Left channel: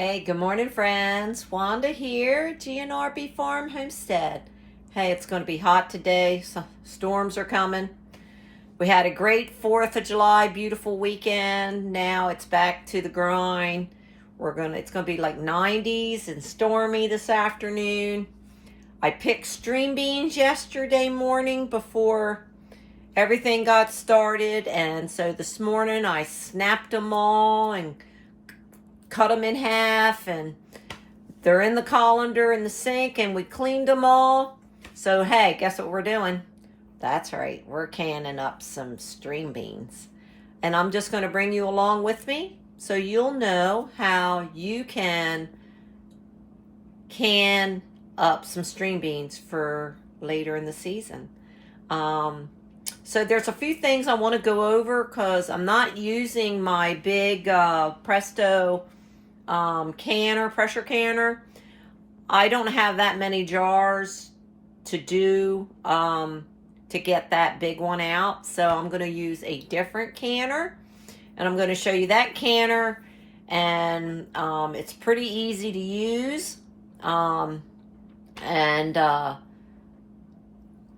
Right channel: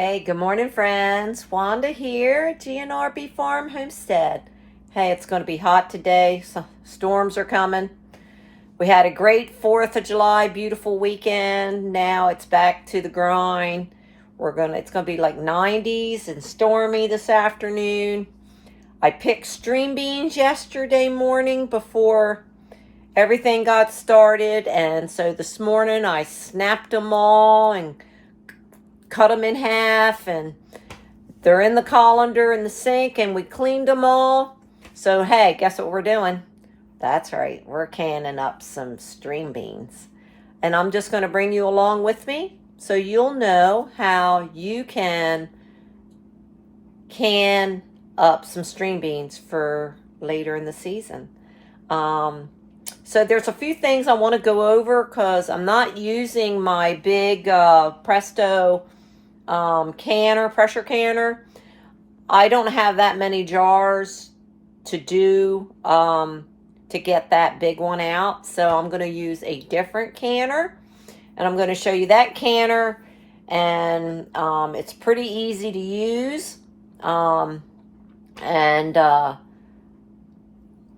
Hey, good morning, friends. Wanda here, GNRB Farm Homestead. Hey, it's going to be hot today, so storms are coming. We had a great 4th of July, beautiful weekend. Now it's back to the grind. It's going to be like 90s and stormy this afternoon. I picked string beans yesterday morning before everything got started, and so this morning I snapped them all and cut them in half, and they're in the colander in the sink, and we cleaned them all. So hey, guess what we're doing? That's right, we're canning up some string beans, and I'm just going to bring you along with me so you'll know how you can up some string beans for later in the season. So there's a few things I want to go over because I'm not using my big Presto pressure canner. I don't have that many jars to do to get that big one out, so I'm going to use a different canner, and I'm going to show you that canner, and it's pretty easy to use,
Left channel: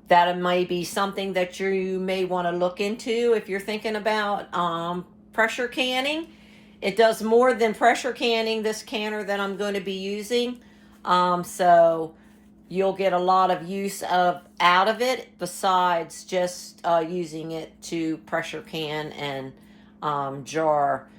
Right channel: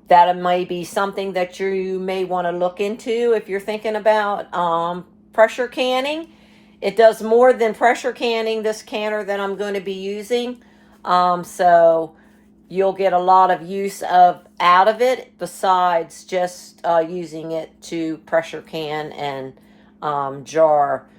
that may be something that you may want to look into if you're thinking about pressure canning. It does more than pressure canning, this canner that I'm going to be using. So you'll get a lot of use out of it besides just using it to pressure can and jar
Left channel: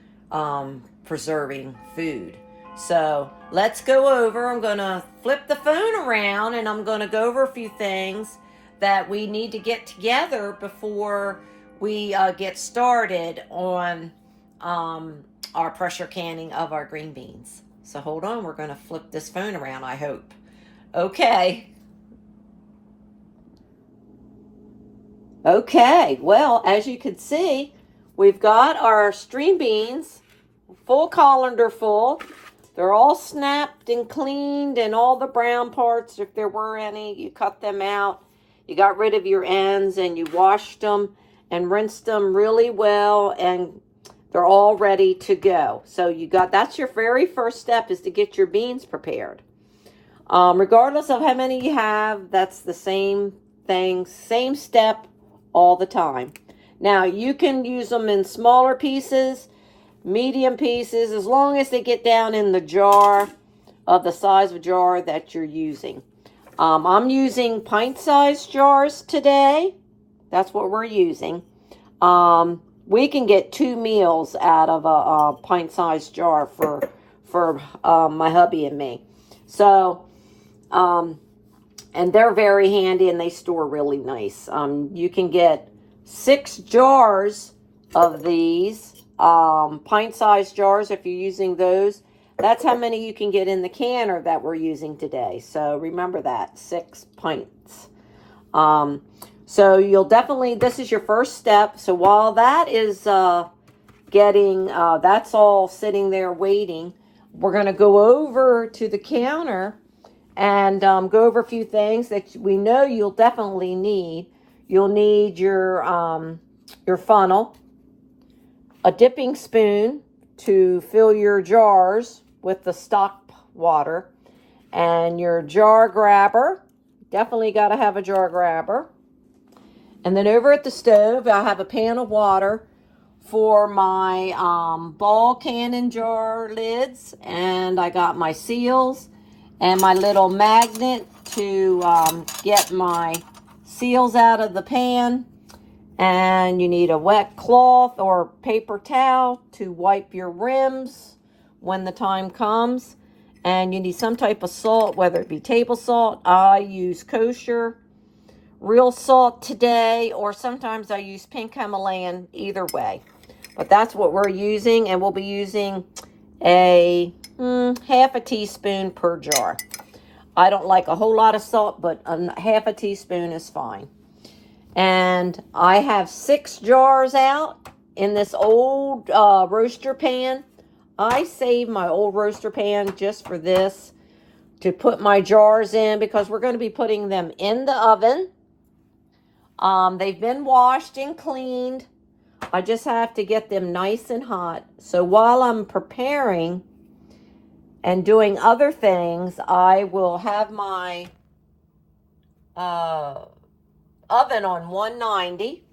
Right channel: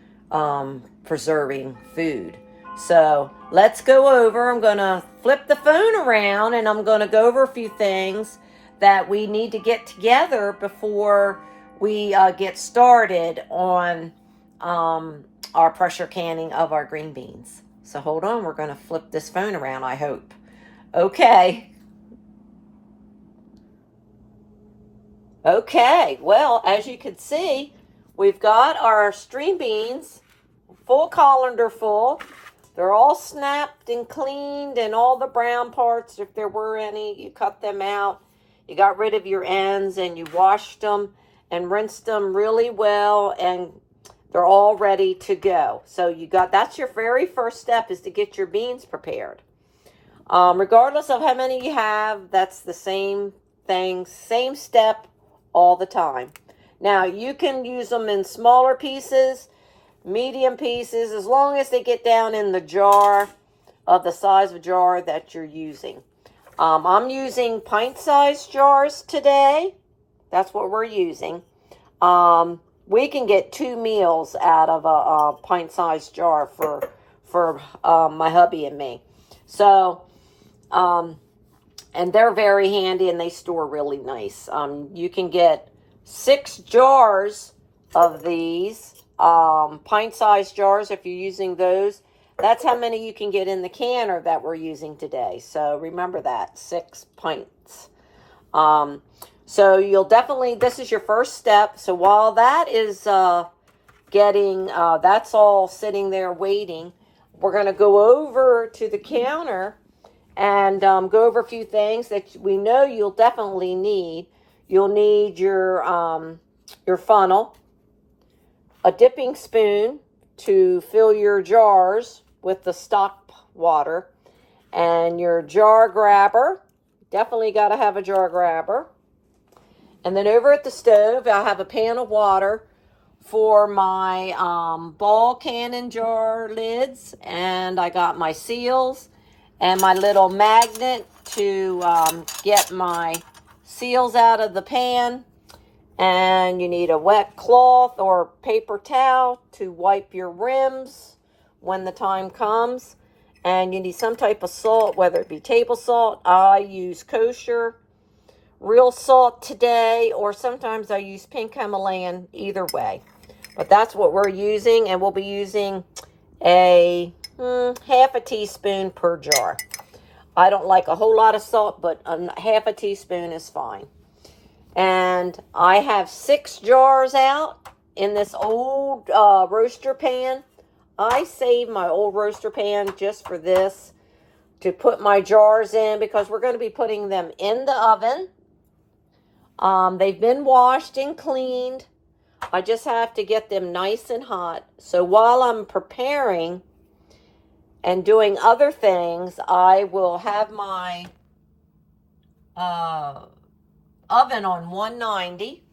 preserving food. So let's go over. I'm going to flip the phone around and I'm going to go over a few things that we need to get together before we get started on our pressure canning of our green beans. So hold on, we're going to flip this phone around, I hope. Okay, well, as you can see, we've got our string beans full colander full. They're all snapped and cleaned, and all the brown parts, if there were any, you cut them out. You got rid of your ends, and you washed them and rinsed them really well, and they're all ready to go. So that's your very first step, is to get your beans prepared. Regardless of how many you have, that's the same thing, same step all the time. Now, you can use them in smaller pieces, medium pieces, as long as they get down in the jar of the size of jar that you're using. I'm using pint-sized jars today. That's what we're using. We can get 2 meals out of a pint-sized jar for my hubby and me. So, and they're very handy and they store really nice. You can get 6 jars of these pint-sized jars if you're using those. That's how many you can get in the canner that we're using today. So remember that, 6 pints. So you'll definitely, this is your first step. So while that is that's all sitting there waiting, we're going to go over to the counter and go over a few things that we know you'll definitely need. You'll need your funnel, a dipping spoon to fill your jars with the stock water, and your jar grabber. Definitely got to have a jar grabber. And then over at the stove, I have a pan of water for my ball cannon jar lids, and I got my seals and my little magnet to get my seals out of the pan. And you need a wet cloth or paper towel to wipe your rims when the time comes. And you need some type of salt, whether it be table salt. I use kosher real salt today, or sometimes I use pink Himalayan, either way. But that's what we're using, and we'll be using a half a teaspoon per jar. I don't like a whole lot of salt, but half a teaspoon is fine. And I have 6 jars out in this old roaster pan. I saved my old roaster pan just for this, to put my jars in, because we're going to be putting them in the oven. They've been washed and cleaned. I just have to get them nice and hot. So while I'm preparing and doing other things, I will have my oven on 190,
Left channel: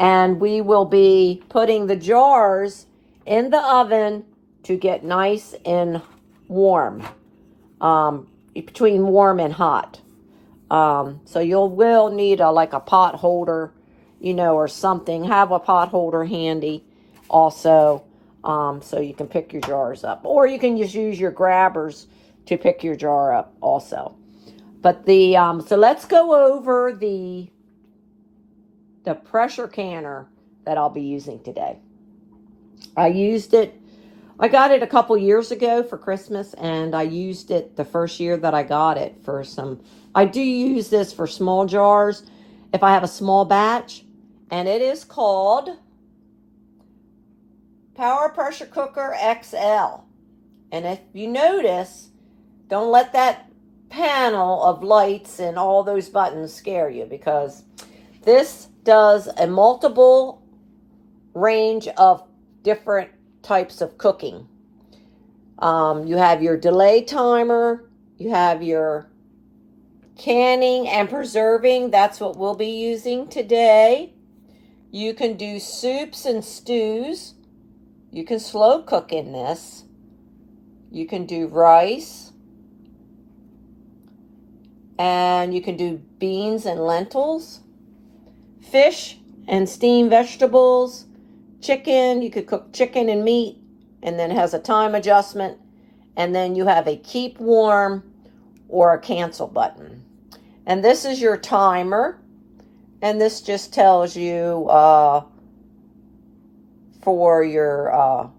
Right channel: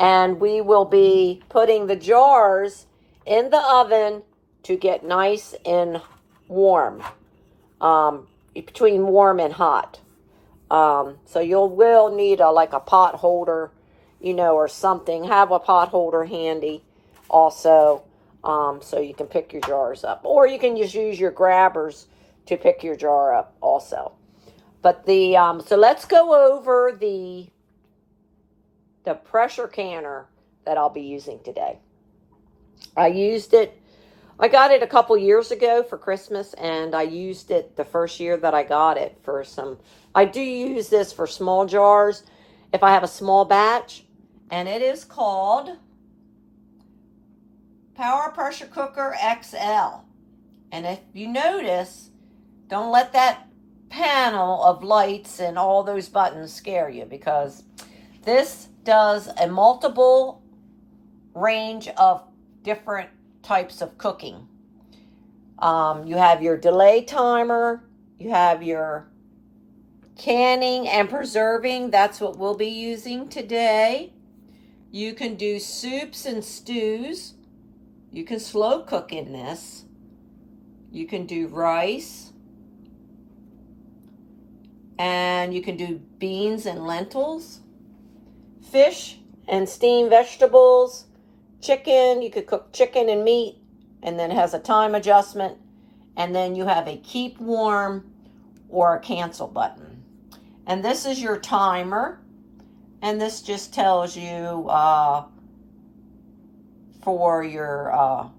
and we will be putting the jars in the oven to get nice and warm, between warm and hot. So you will need like a pot holder, you know, or something. Have a pot holder handy also, so you can pick your jars up. Or you can just use your grabbers to pick your jar up also. But the, so let's go over the pressure canner that I'll be using today. I used it, I got it a couple years ago for Christmas, and I used it the first year that I got it for some, I do use this for small jars if I have a small batch, and it is called Power Pressure Cooker XL. And if you notice, don't let that panel of lights and all those buttons scare you, because this does a multiple range of different types of cooking. You have your delay timer, you have your canning and preserving, that's what we'll be using today. You can do soups and stews. You can slow cook in this. You can do rice. And you can do beans and lentils. Fish and steamed vegetables. Chicken, you could cook chicken and meat, and then it has a time adjustment. And then you have a keep warm or a cancel button. And this is your timer. And this just tells you for your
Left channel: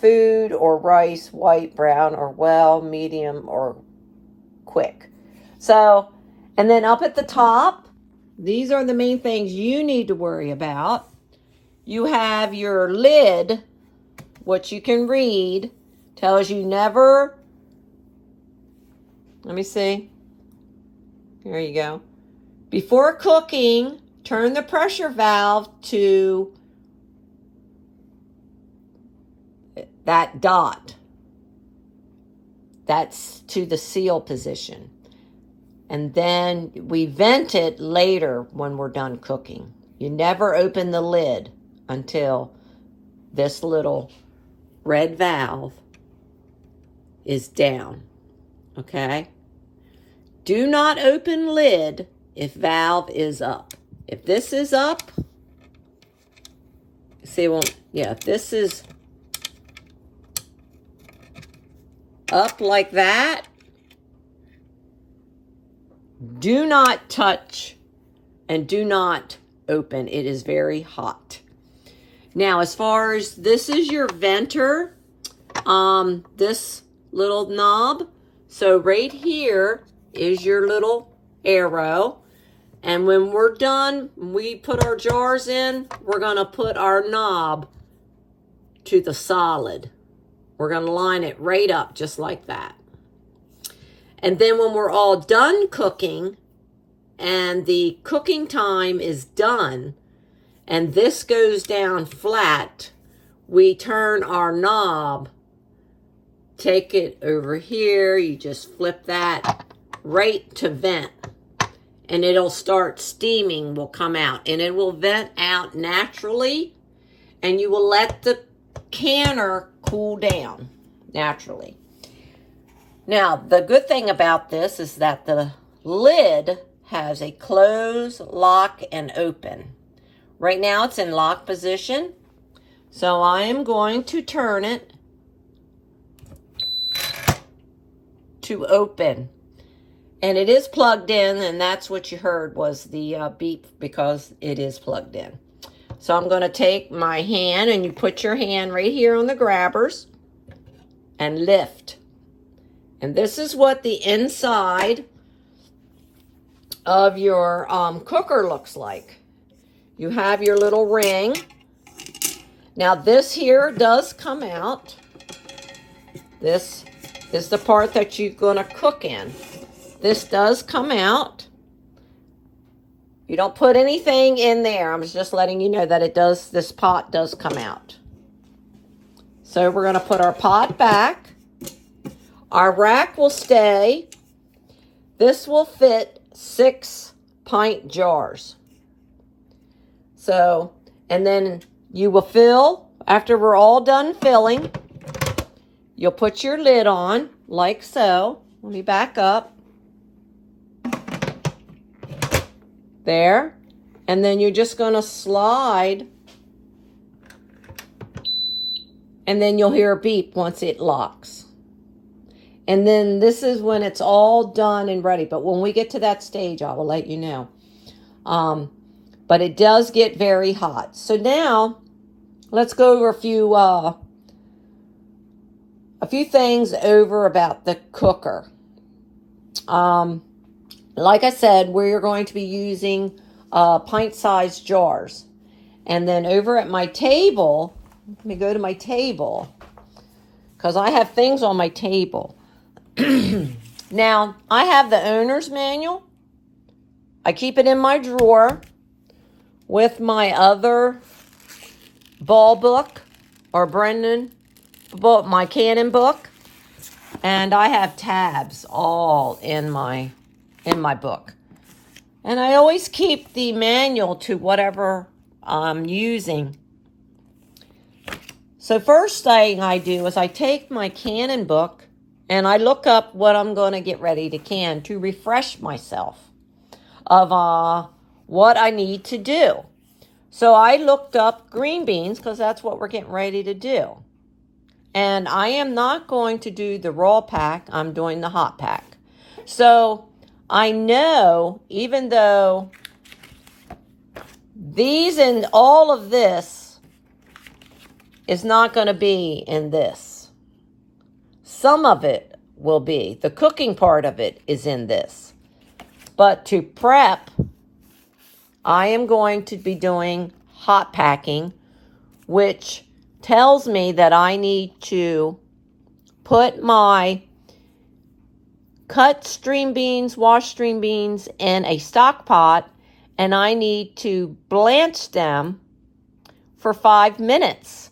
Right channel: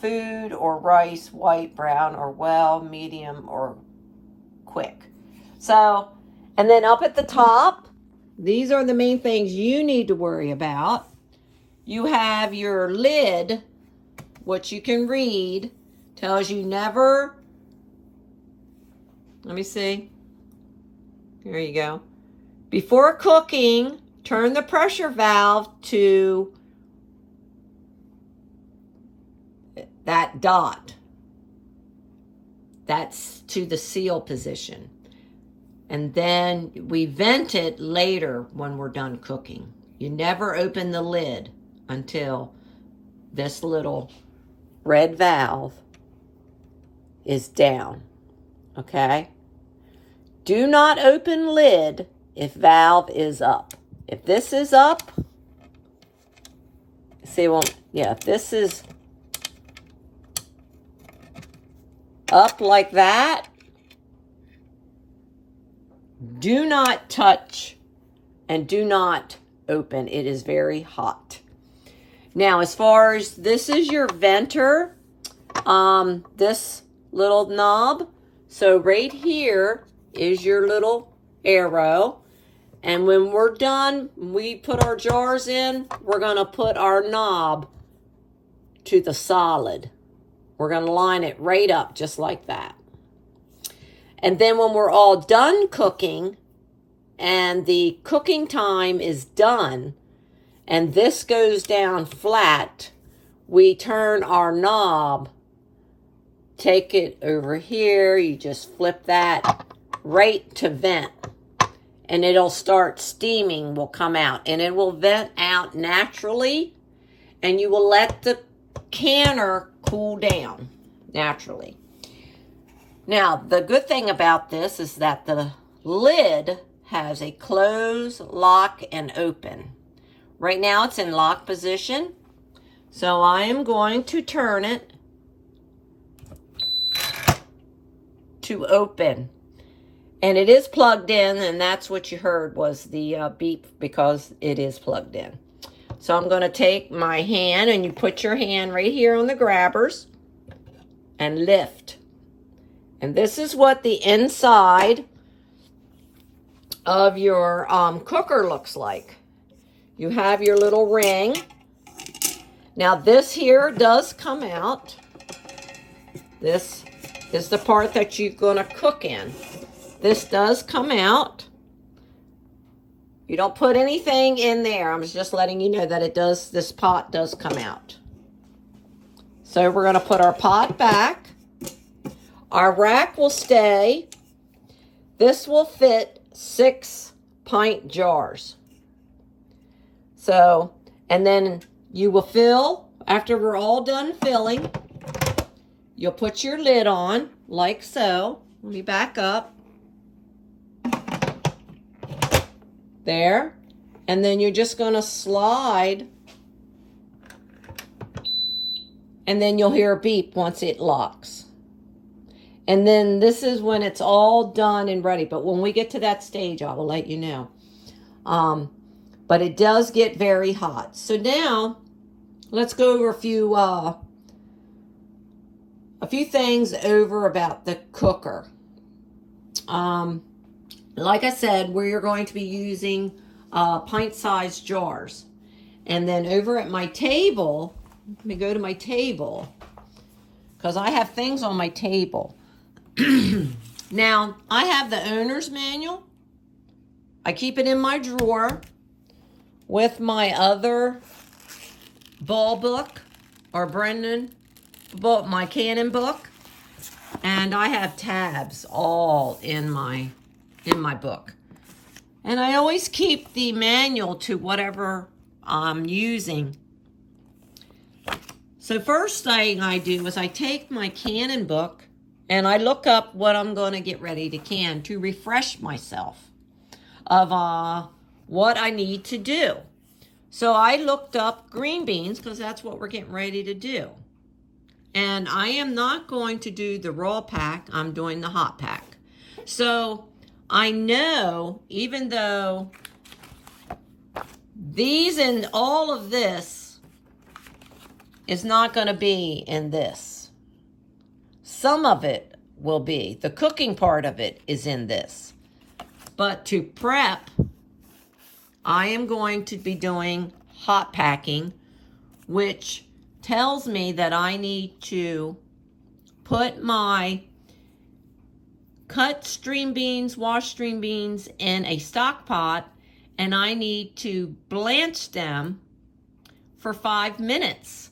food or rice, white, brown, or well, medium, or quick. So, and then up at the top, these are the main things you need to worry about. You have your lid, which you can read, tells you never, let me see, there you go. Before cooking, turn the pressure valve to that dot. That's to the seal position. And then we vent it later when we're done cooking. You never open the lid until this little red valve is down, okay? Do not open lid if valve is up. If this is up, see, well, yeah, if this is up like that, do not touch and do not open. It is very hot. Now, as far as this is your venter, this little knob. So right here is your little arrow. And when we're done, we put our jars in, we're going to put our knob to the solid. We're going to line it right up just like that. And then when we're all done cooking and the cooking time is done and this goes down flat, we turn our knob, take it over here, you just flip that right to vent. And it'll start steaming, will come out. And it will vent out naturally. And you will let the canner cool down naturally. Now, the good thing about this is that the lid has a close, lock, and open. Right now it's in lock position. So I am going to turn it to open. And it is plugged in, and that's what you heard was the beep, because it is plugged in. So I'm going to take my hand, and you put your hand right here on the grabbers and lift. And this is what the inside of your cooker looks like. You have your little ring. Now this here does come out. This is the part that you're going to cook in. This does come out. You don't put anything in there. I'm just letting you know that it does, this pot does come out. So we're going to put our pot back. Our rack will stay. This will fit 6 pint jars. So, and then you will fill, after we're all done filling, you'll put your lid on like so. Let me back up. There. And then you're just going to slide. And then you'll hear a beep once it locks. And then this is when it's all done and ready. But when we get to that stage, I will let you know. But it does get very hot. So now, let's go over a few things over about the cooker. Like I said, we're going to be using pint-sized jars. And then over at my table, let me go to my table, because I have things on my table. Now, I have the owner's manual. I keep it in my drawer with my other ball book, or Brendan book, my Canon book. And I have tabs all in my book. And I always keep the manual to whatever I'm using. So first thing I do is I take my Canon book and I look up what I'm going to get ready to can to refresh myself of what I need to do. So I looked up green beans because that's what we're getting ready to do. And I am not going to do the raw pack. I'm doing the hot pack. So I know, even though these and all of this is not going to be in this. Some of it will be. The cooking part of it is in this. But to prep, I am going to be doing hot packing, which tells me that I need to put my cut string beans, washed string beans in a stock pot, and I need to blanch them for 5 minutes.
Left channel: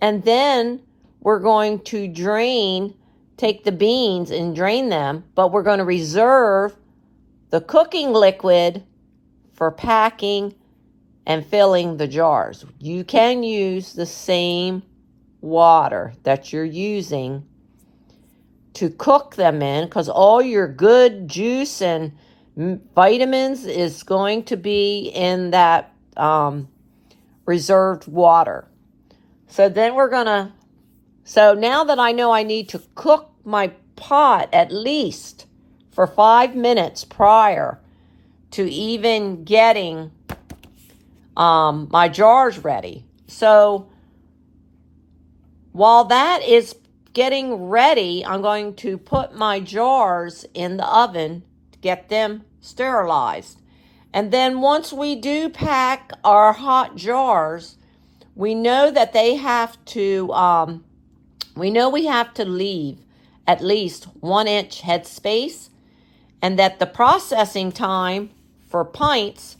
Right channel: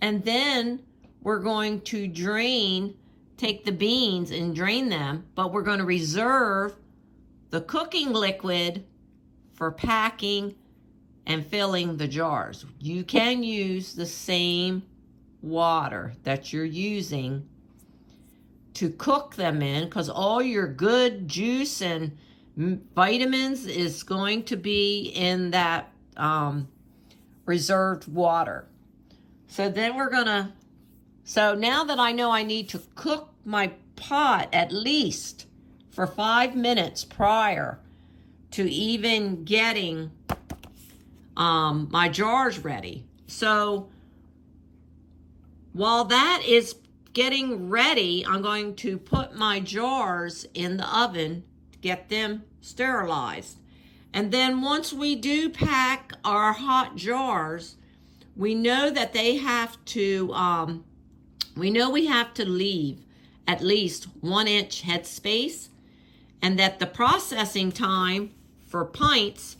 And then we're going to take the beans and drain them, but we're going to reserve the cooking liquid for packing and filling the jars. You can use the same water that you're using to cook them in, because all your good juice and vitamins is going to be in that reserved water. So then so now that I know I need to cook my pot at least for 5 minutes prior to even getting my jars ready. So while that is getting ready, I'm going to put my jars in the oven to get them sterilized. And then once we do pack our hot jars, we know that they have to, we know we have to leave at least 1 inch head space, and that the processing time for pints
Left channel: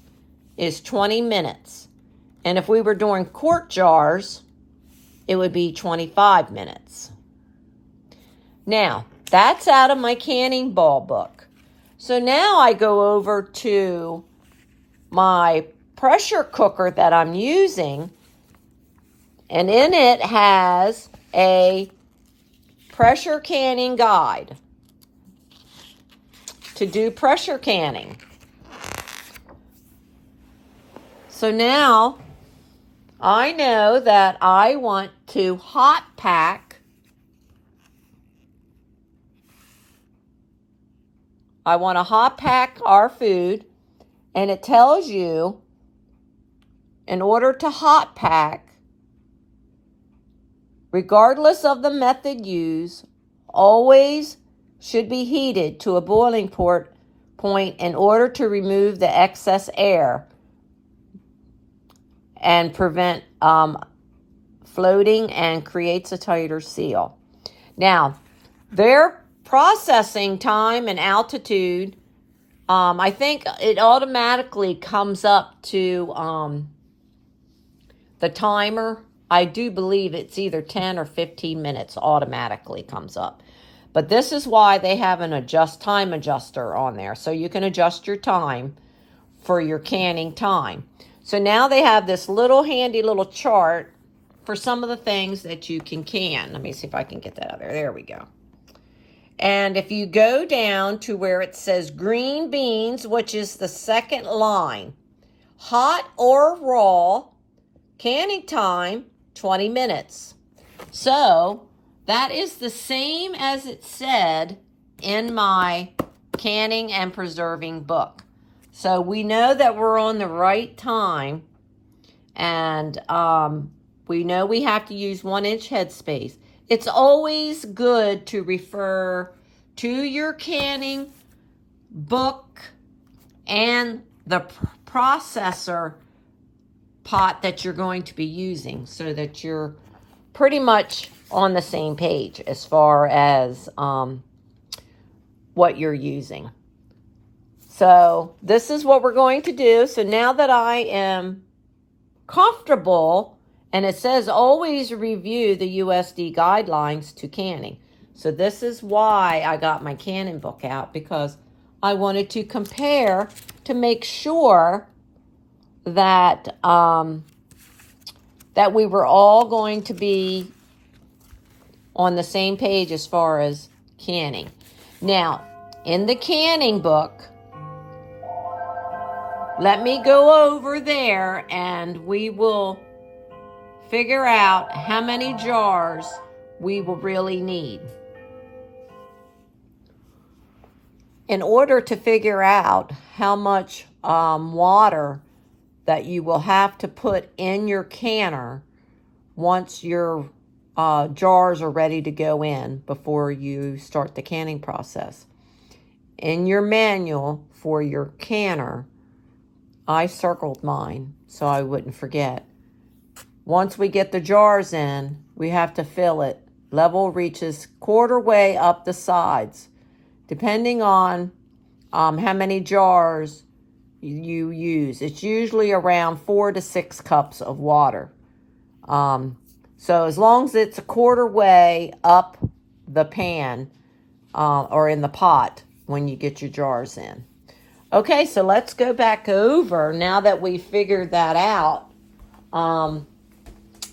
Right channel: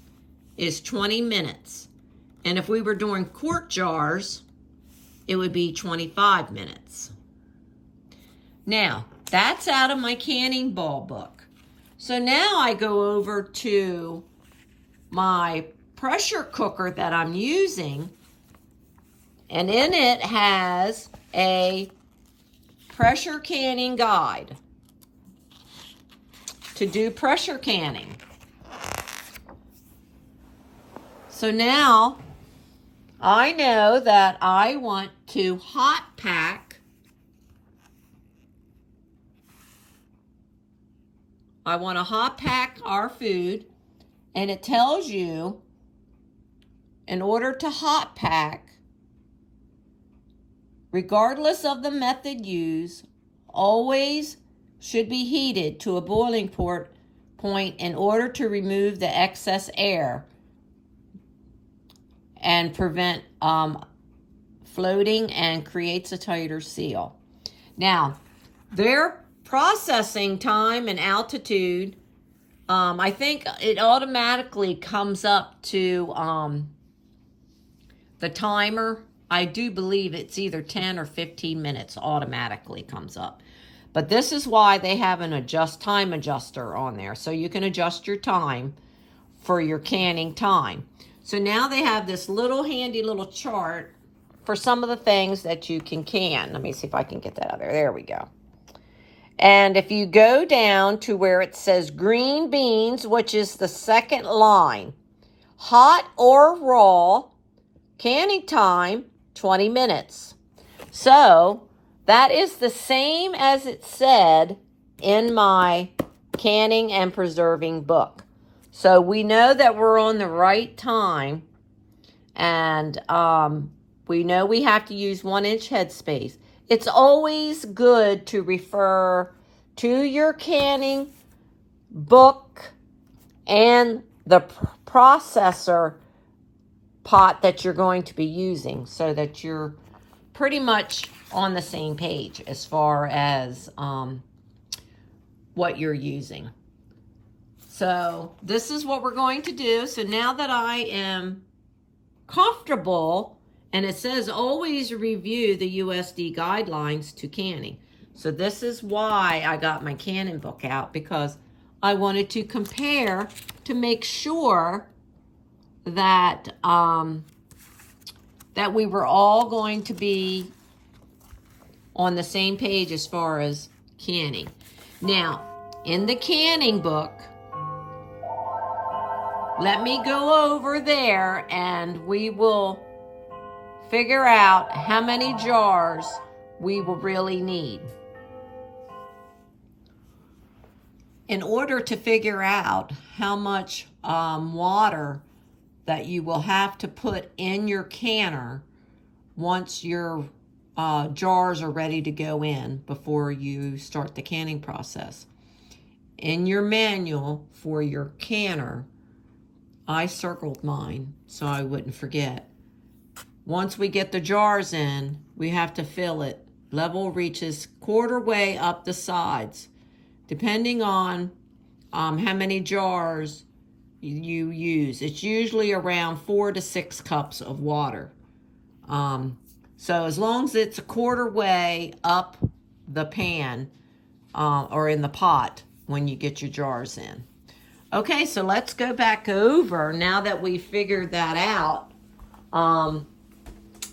is 20 minutes. And if we were doing quart jars, it would be 25 minutes. Now, that's out of my canning ball book. So now I go over to my pressure cooker that I'm using, and in it has a pressure canning guide to do pressure canning. So now I know that I want to hot pack. I want to hot pack our food, and it tells you in order to hot pack, regardless of the method used, always should be heated to a boiling point in order to remove the excess air and prevent floating and creates a tighter seal. Now, their processing time and altitude, I think it automatically comes up to the timer. I do believe it's either 10 or 15 minutes automatically comes up. But this is why they have an adjust time adjuster on there. So you can adjust your time for your canning time. So now they have this little handy little chart for some of the things that you can can. Let me see if I can get that out there. There we go. And if you go down to where it says green beans, which is the second line, hot or raw, canning time, 20 minutes. So that is the same as it said in my canning and preserving book. So we know that we're on the right time, and we know we have to use 1 inch headspace. It's always good to refer to your canning book and the processor pot that you're going to be using so that you're pretty much on the same page as far as what you're using. So this is what we're going to do. So now that I am comfortable, and it says always review the USD guidelines to canning. So this is why I got my canning book out, because I wanted to compare to make sure that that we were all going to be on the same page as far as canning. Now, in the canning book, let me go over there and we will figure out how many jars we will really need. In order to figure out how much water that you will have to put in your canner once your jars are ready to go in before you start the canning process. In your manual for your canner, I circled mine so I wouldn't forget. Once we get the jars in, we have to fill it. Level reaches quarter way up the sides, depending on how many jars you use. It's usually around 4 to 6 cups of water. So as long as it's a quarter way up the pan or in the pot when you get your jars in. Okay, so let's go back over now that we figured that out.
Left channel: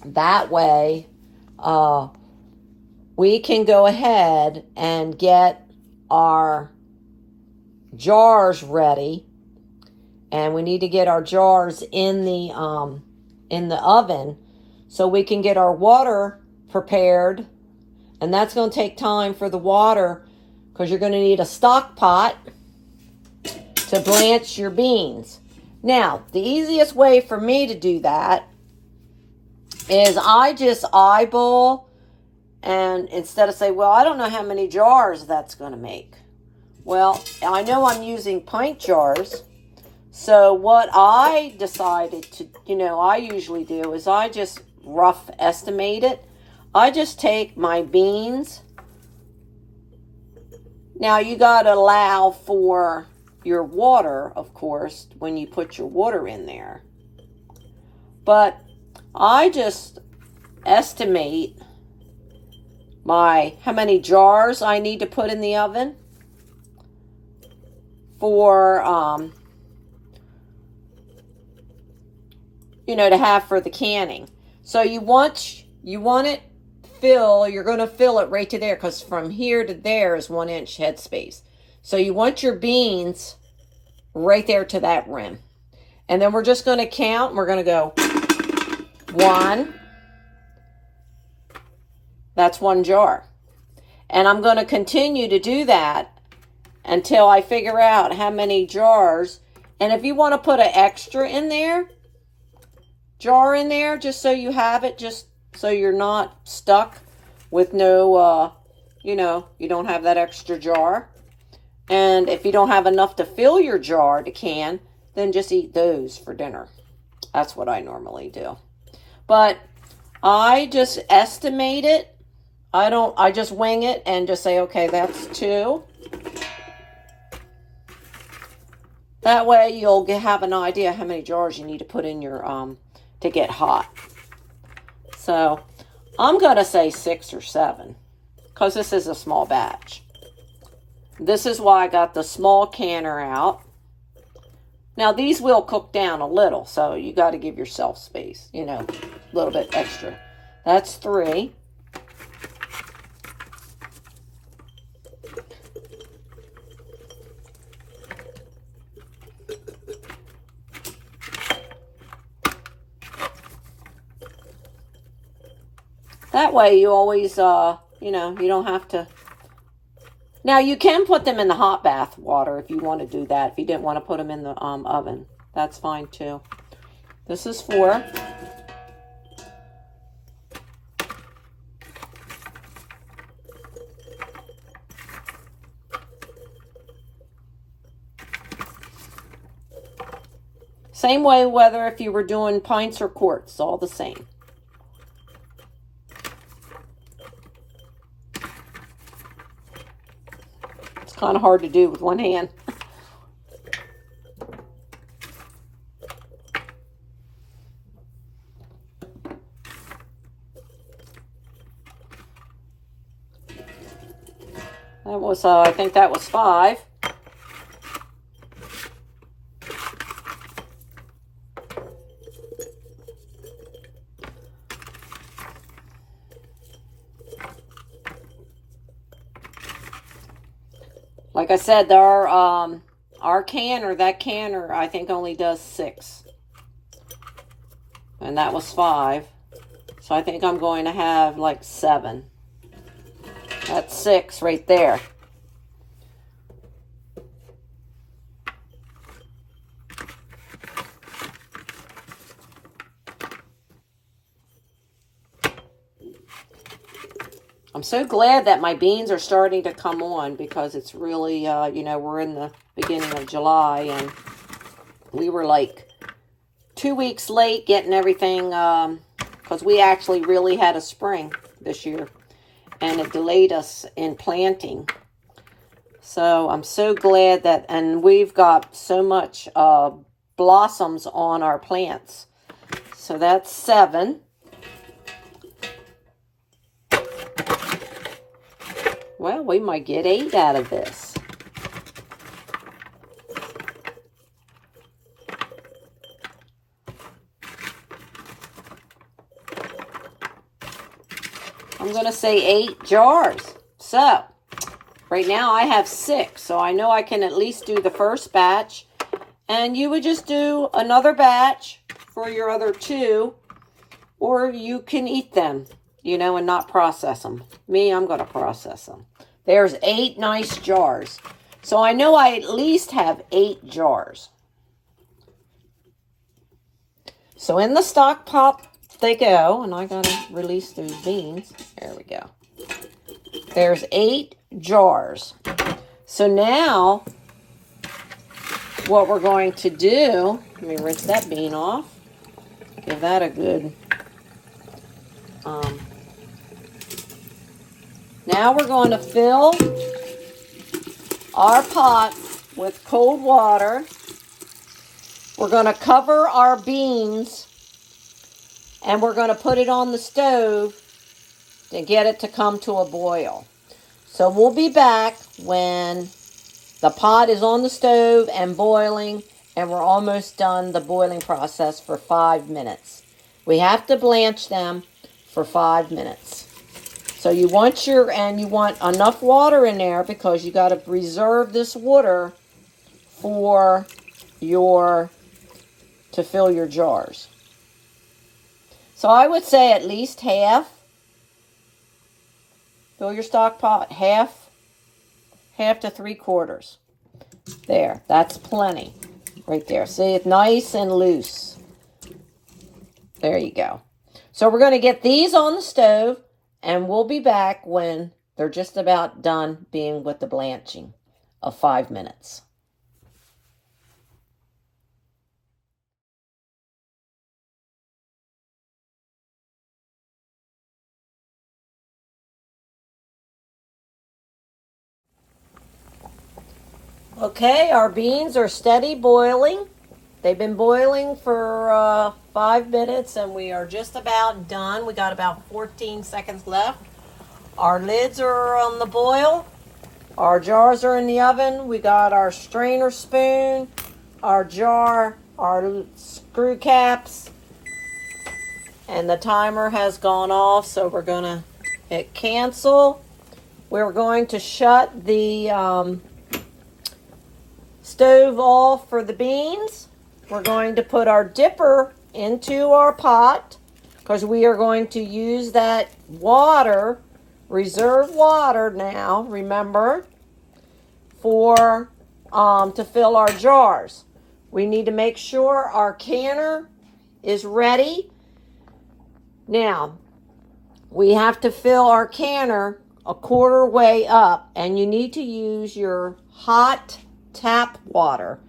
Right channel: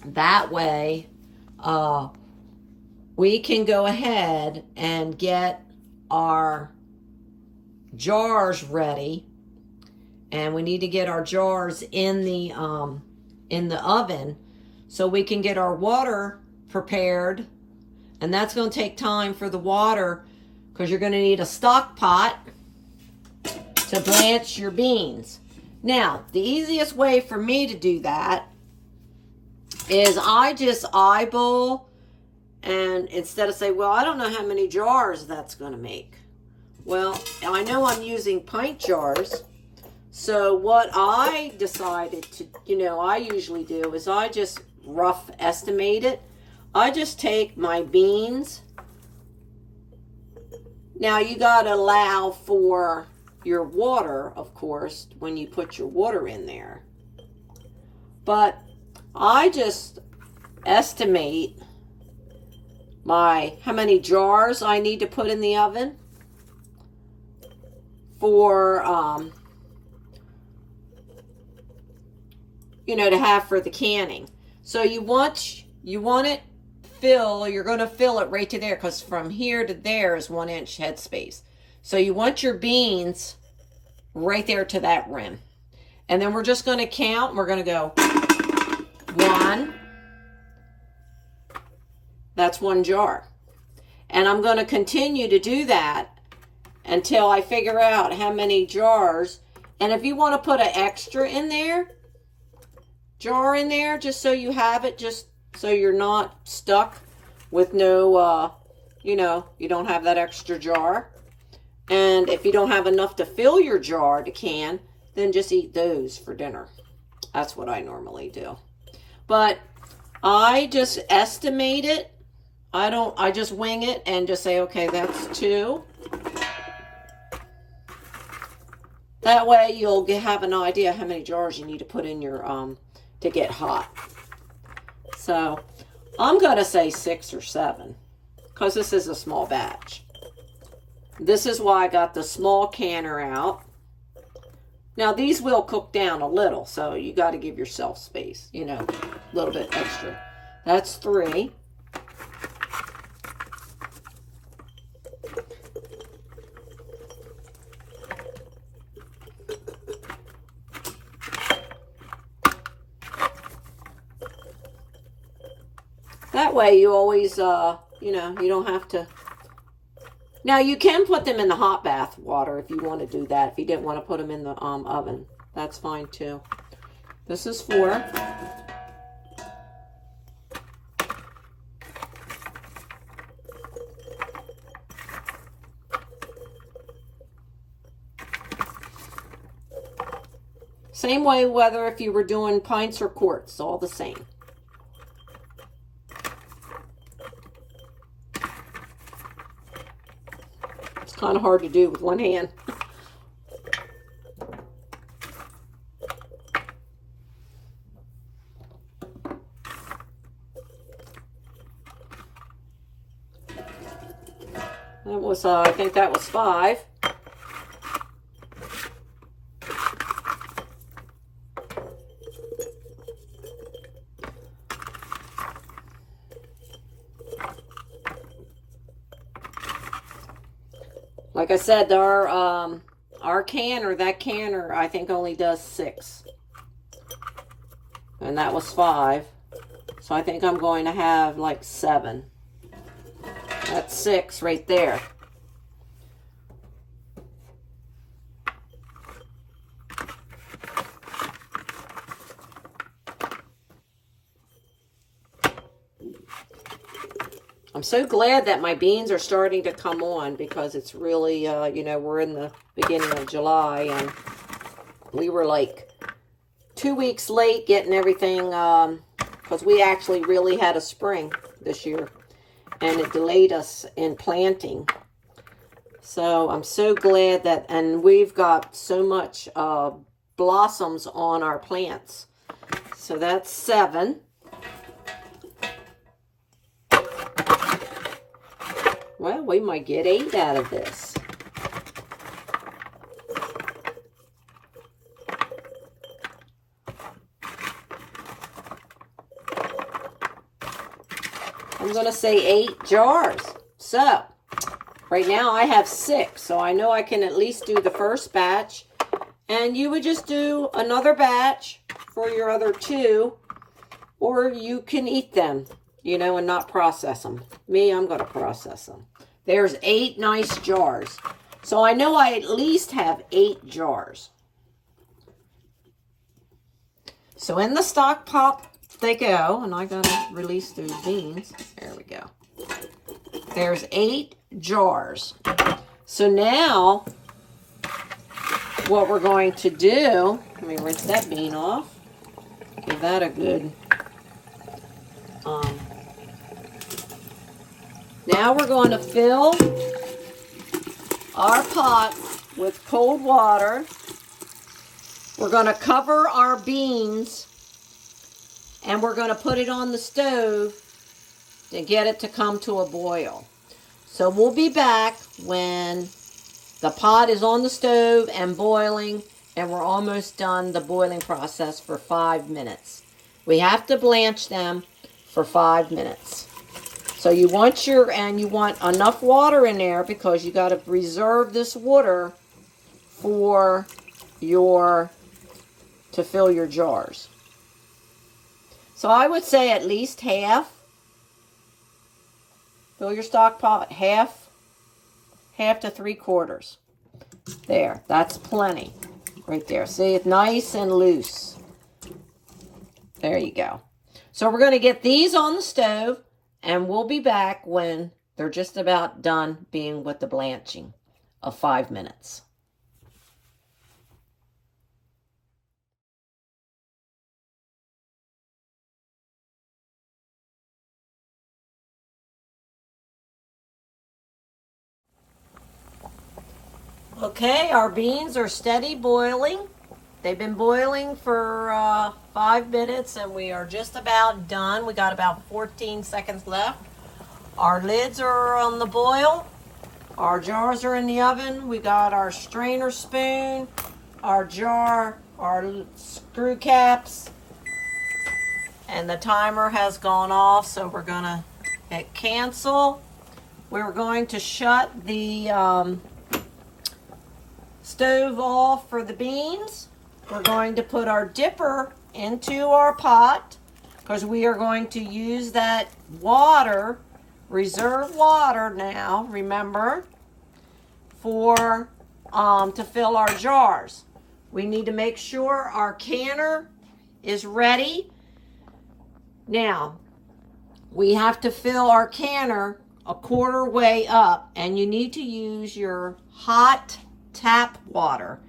That way, we can go ahead and get our jars ready. And we need to get our jars in the oven so we can get our water prepared. And that's going to take time for the water because you're going to need a stock pot to blanch your beans. Now, the easiest way for me to do that is I just eyeball, and instead of say, well, I don't know how many jars that's going to make. Well, I know I'm using pint jars. So what I decided to, I usually do is I just rough estimate it. I just take my beans. Now you got to allow for your water, of course, when you put your water in there. But I just estimate how many jars I need to put in the oven for to have for the canning. So you want it fill, you're going to fill it right to there because from here to there is 1 inch headspace. So you want your beans right there to that rim. And then we're just going to count. We're going to go 1. That's 1 jar. And I'm going to continue to do that until I figure out how many jars. And if you want to put an extra in there, jar in there, just so you have it, just so you're not stuck with no, you don't have that extra jar. And if you don't have enough to fill your jar to can, then just eat those for dinner. That's what I normally do. But I just estimate it. I just wing it and just say, okay, that's 2. That way you'll have an idea how many jars you need to put in your, to get hot. So I'm going to say 6 or 7 because this is a small batch. This is why I got the small canner out. Now these will cook down a little, so you got to give yourself space, you know, a little bit extra. That's 3. That way you always, you know, you don't have to. Now you can put them in the hot bath water if you want to do that. If you didn't want to put them in the oven, that's fine too. This is 4. Same way whether if you were doing pints or quarts, all the same. It's kind of hard to do with one hand. That was, I think that was 5. Like I said, our canner, that canner, I think only does 6. And that was 5. So I think I'm going to have like 7. That's 6 right there. I'm so glad that my beans are starting to come on, because it's really, you know, we're in the beginning of July and we were like 2 weeks late getting everything, because we actually really had a spring this year and it delayed us in planting. So I'm so glad that, and we've got so much blossoms on our plants. So that's 7. Well, we might get 8 out of this. I'm going to say 8 jars. So, right now I have 6. So I know I can at least do the first batch. And you would just do another batch for your other 2. Or you can eat them, you know, and not process them. Me, I'm going to process them. There's 8 nice jars. So I know I at least have 8 jars. So in the stock pot they go. And I got to release those beans. There we go. There's 8 jars. So now what we're going to do, let me rinse that bean off. Give that a good... Now we're going to fill our pot with cold water. We're going to cover our beans and we're going to put it on the stove to get it to come to a boil. So we'll be back when the pot is on the stove and boiling and we're almost done the boiling process for 5 minutes. We have to blanch them for 5 minutes. So you want enough water in there because you got to reserve this water for to fill your jars. So I would say at least half. Fill your stock pot half to 3/4. There, that's plenty right there. See, it's nice and loose. There you go. So we're going to get these on the stove. And we'll be back when they're just about done being with the blanching of 5 minutes. Okay, our beans are steady boiling. They've been boiling for 5 minutes and we are just about done. We got about 14 seconds left. our lids are on the boil. Our jars are in the oven. We got our strainer spoon, our jar, our screw caps, and the timer has gone off, so we're gonna hit cancel. We're going to shut the stove off for the beans. We're going to put our dipper into our pot because we are going to use that water, reserve water now, remember, for to fill our jars. We need to make sure our canner is ready. Now, we have to fill our canner a quarter way up, and you need to use your hot tap water.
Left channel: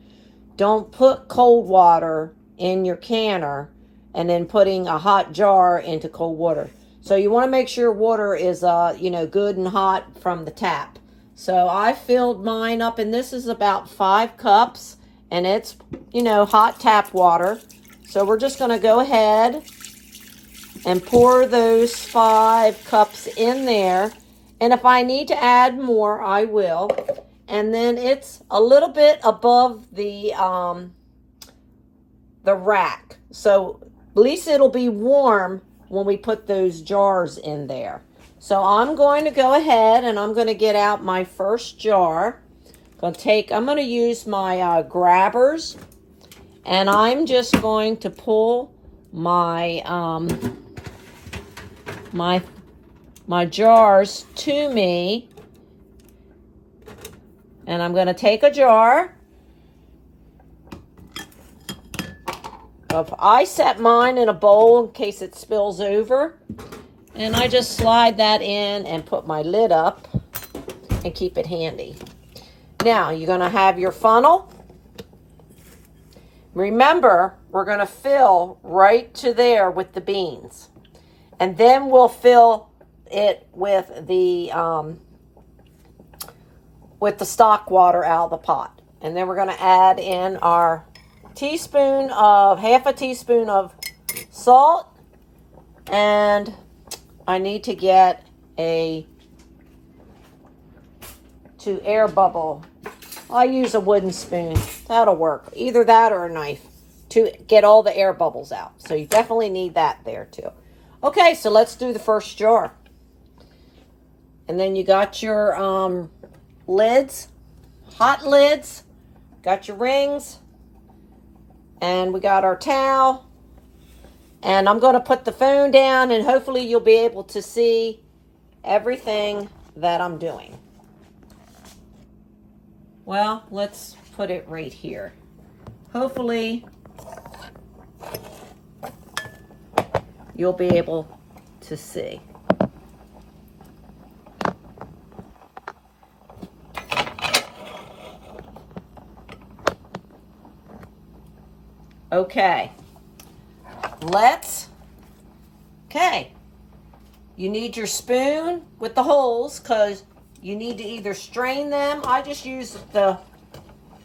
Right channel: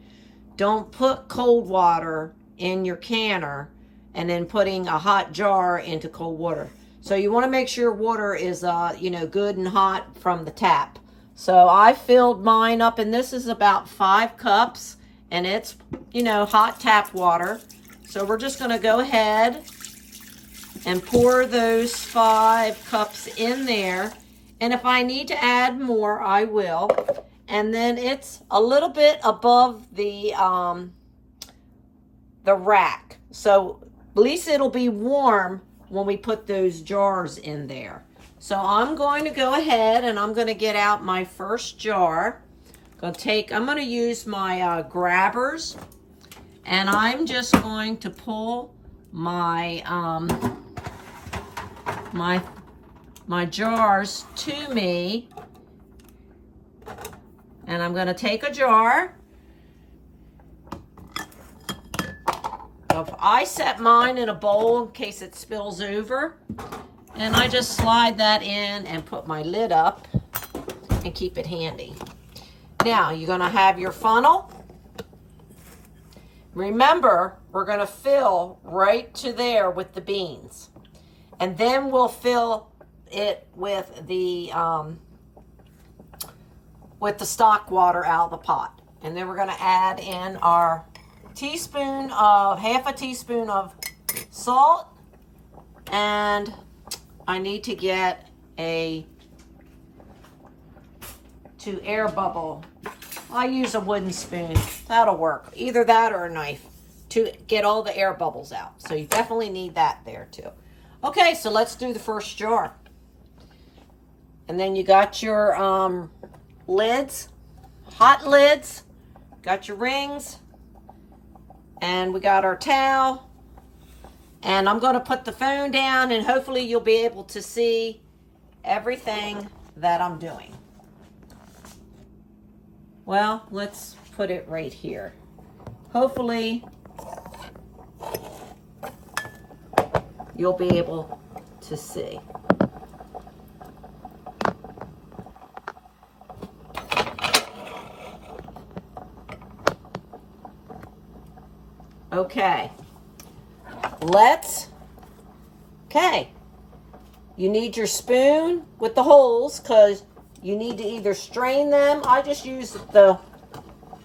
Don't put cold water in your canner and then putting a hot jar into cold water. So you want to make sure water is good and hot from the tap. So I filled mine up, and this is about 5 cups, and it's hot tap water. So we're just going to go ahead and pour those 5 cups in there. And if I need to add more, I will. And then it's a little bit above the rack. So at least it'll be warm when we put those jars in there. So I'm going to go ahead and I'm going to get out my first jar. I'm going to use my grabbers, and I'm just going to pull my my jars to me, and I'm going to take a jar. I set mine in a bowl in case it spills over, and I just slide that in and put my lid up and keep it handy. Now you're going to have your funnel. Remember, we're going to fill right to there with the beans, and then we'll fill it with the stock water out of the pot. And then we're going to add in our half a teaspoon of salt, and I need to get to air bubble. I use a wooden spoon. That'll work. Either that or a knife to get all the air bubbles out. So you definitely need that there too. Okay, so let's do the first jar. And then you got your lids, hot lids, got your rings, and we got our towel. And I'm going to put the phone down, and hopefully you'll be able to see everything that I'm doing. Well, let's put it right here. Hopefully you'll be able to see. Okay. You need your spoon with the holes because you need to either strain them. I just use the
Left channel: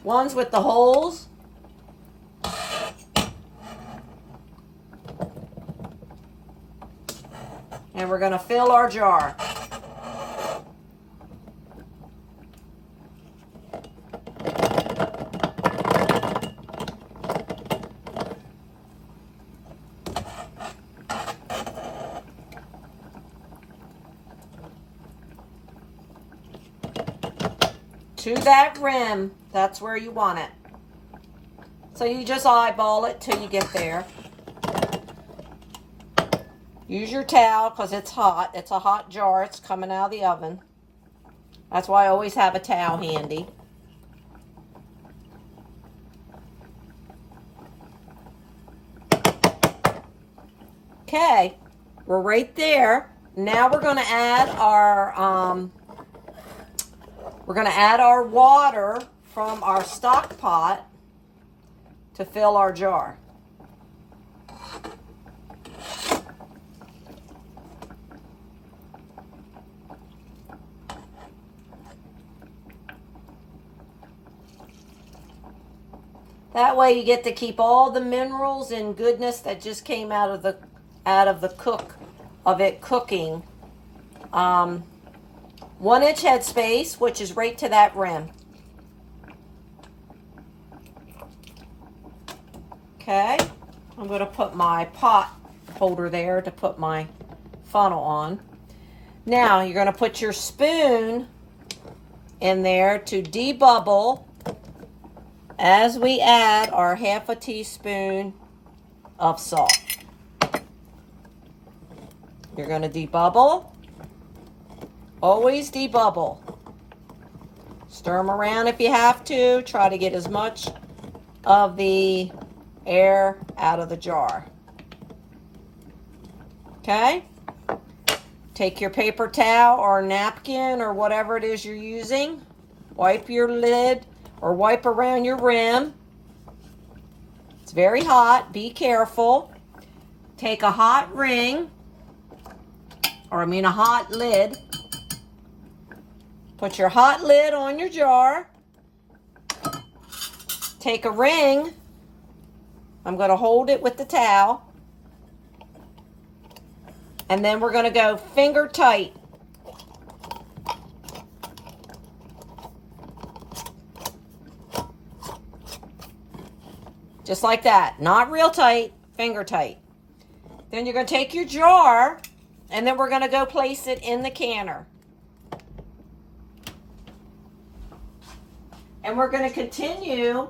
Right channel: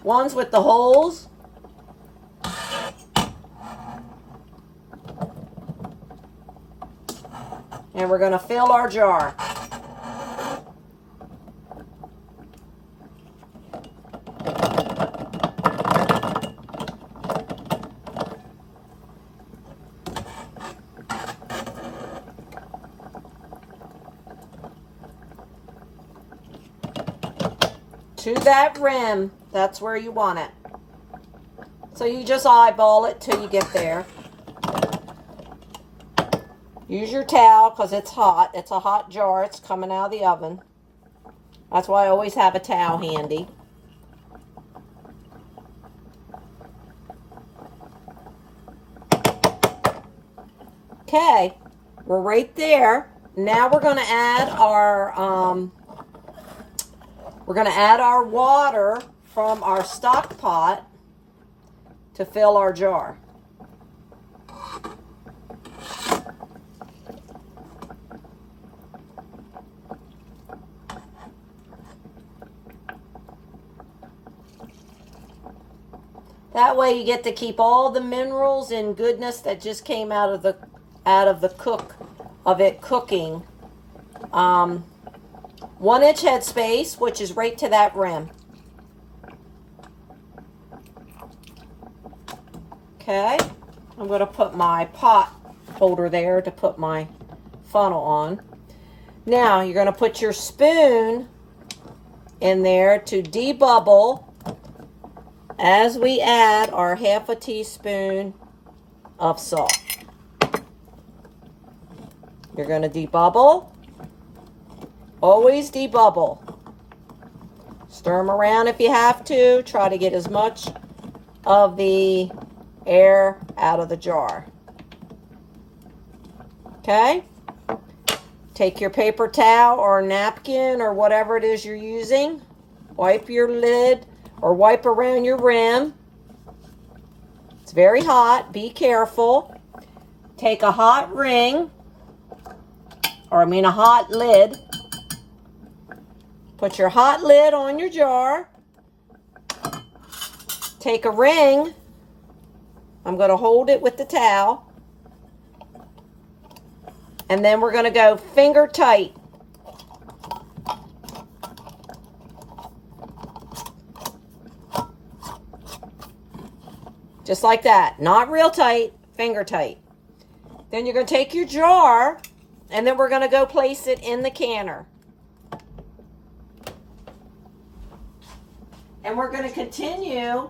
ones with the holes. And we're going to fill our jar. To that rim, that's where you want it. So you just eyeball it till you get there. Use your towel because it's hot. It's a hot jar. It's coming out of the oven. That's why I always have a towel handy. Okay, we're right there. Now we're going to add our water from our stock pot to fill our jar. That way you get to keep all the minerals and goodness that just came out of the cooking 1-inch headspace, which is right to that rim. Okay, I'm going to put my pot holder there to put my funnel on. Now you're going to put your spoon in there to debubble as we add our 1/2 teaspoon of salt. You're going to debubble. Always debubble. Stir them around if you have to. Try to get as much of the air out of the jar. Okay? Take your paper towel or napkin or whatever it is you're using. Wipe your lid or wipe around your rim. It's very hot. Be careful. Take a hot ring, a hot lid. Put your hot lid on your jar. Take a ring. I'm going to hold it with the towel. And then we're going to go finger tight. Just like that. Not real tight, finger tight. Then you're going to take your jar, and then we're going to go place it in the canner. And we're going to continue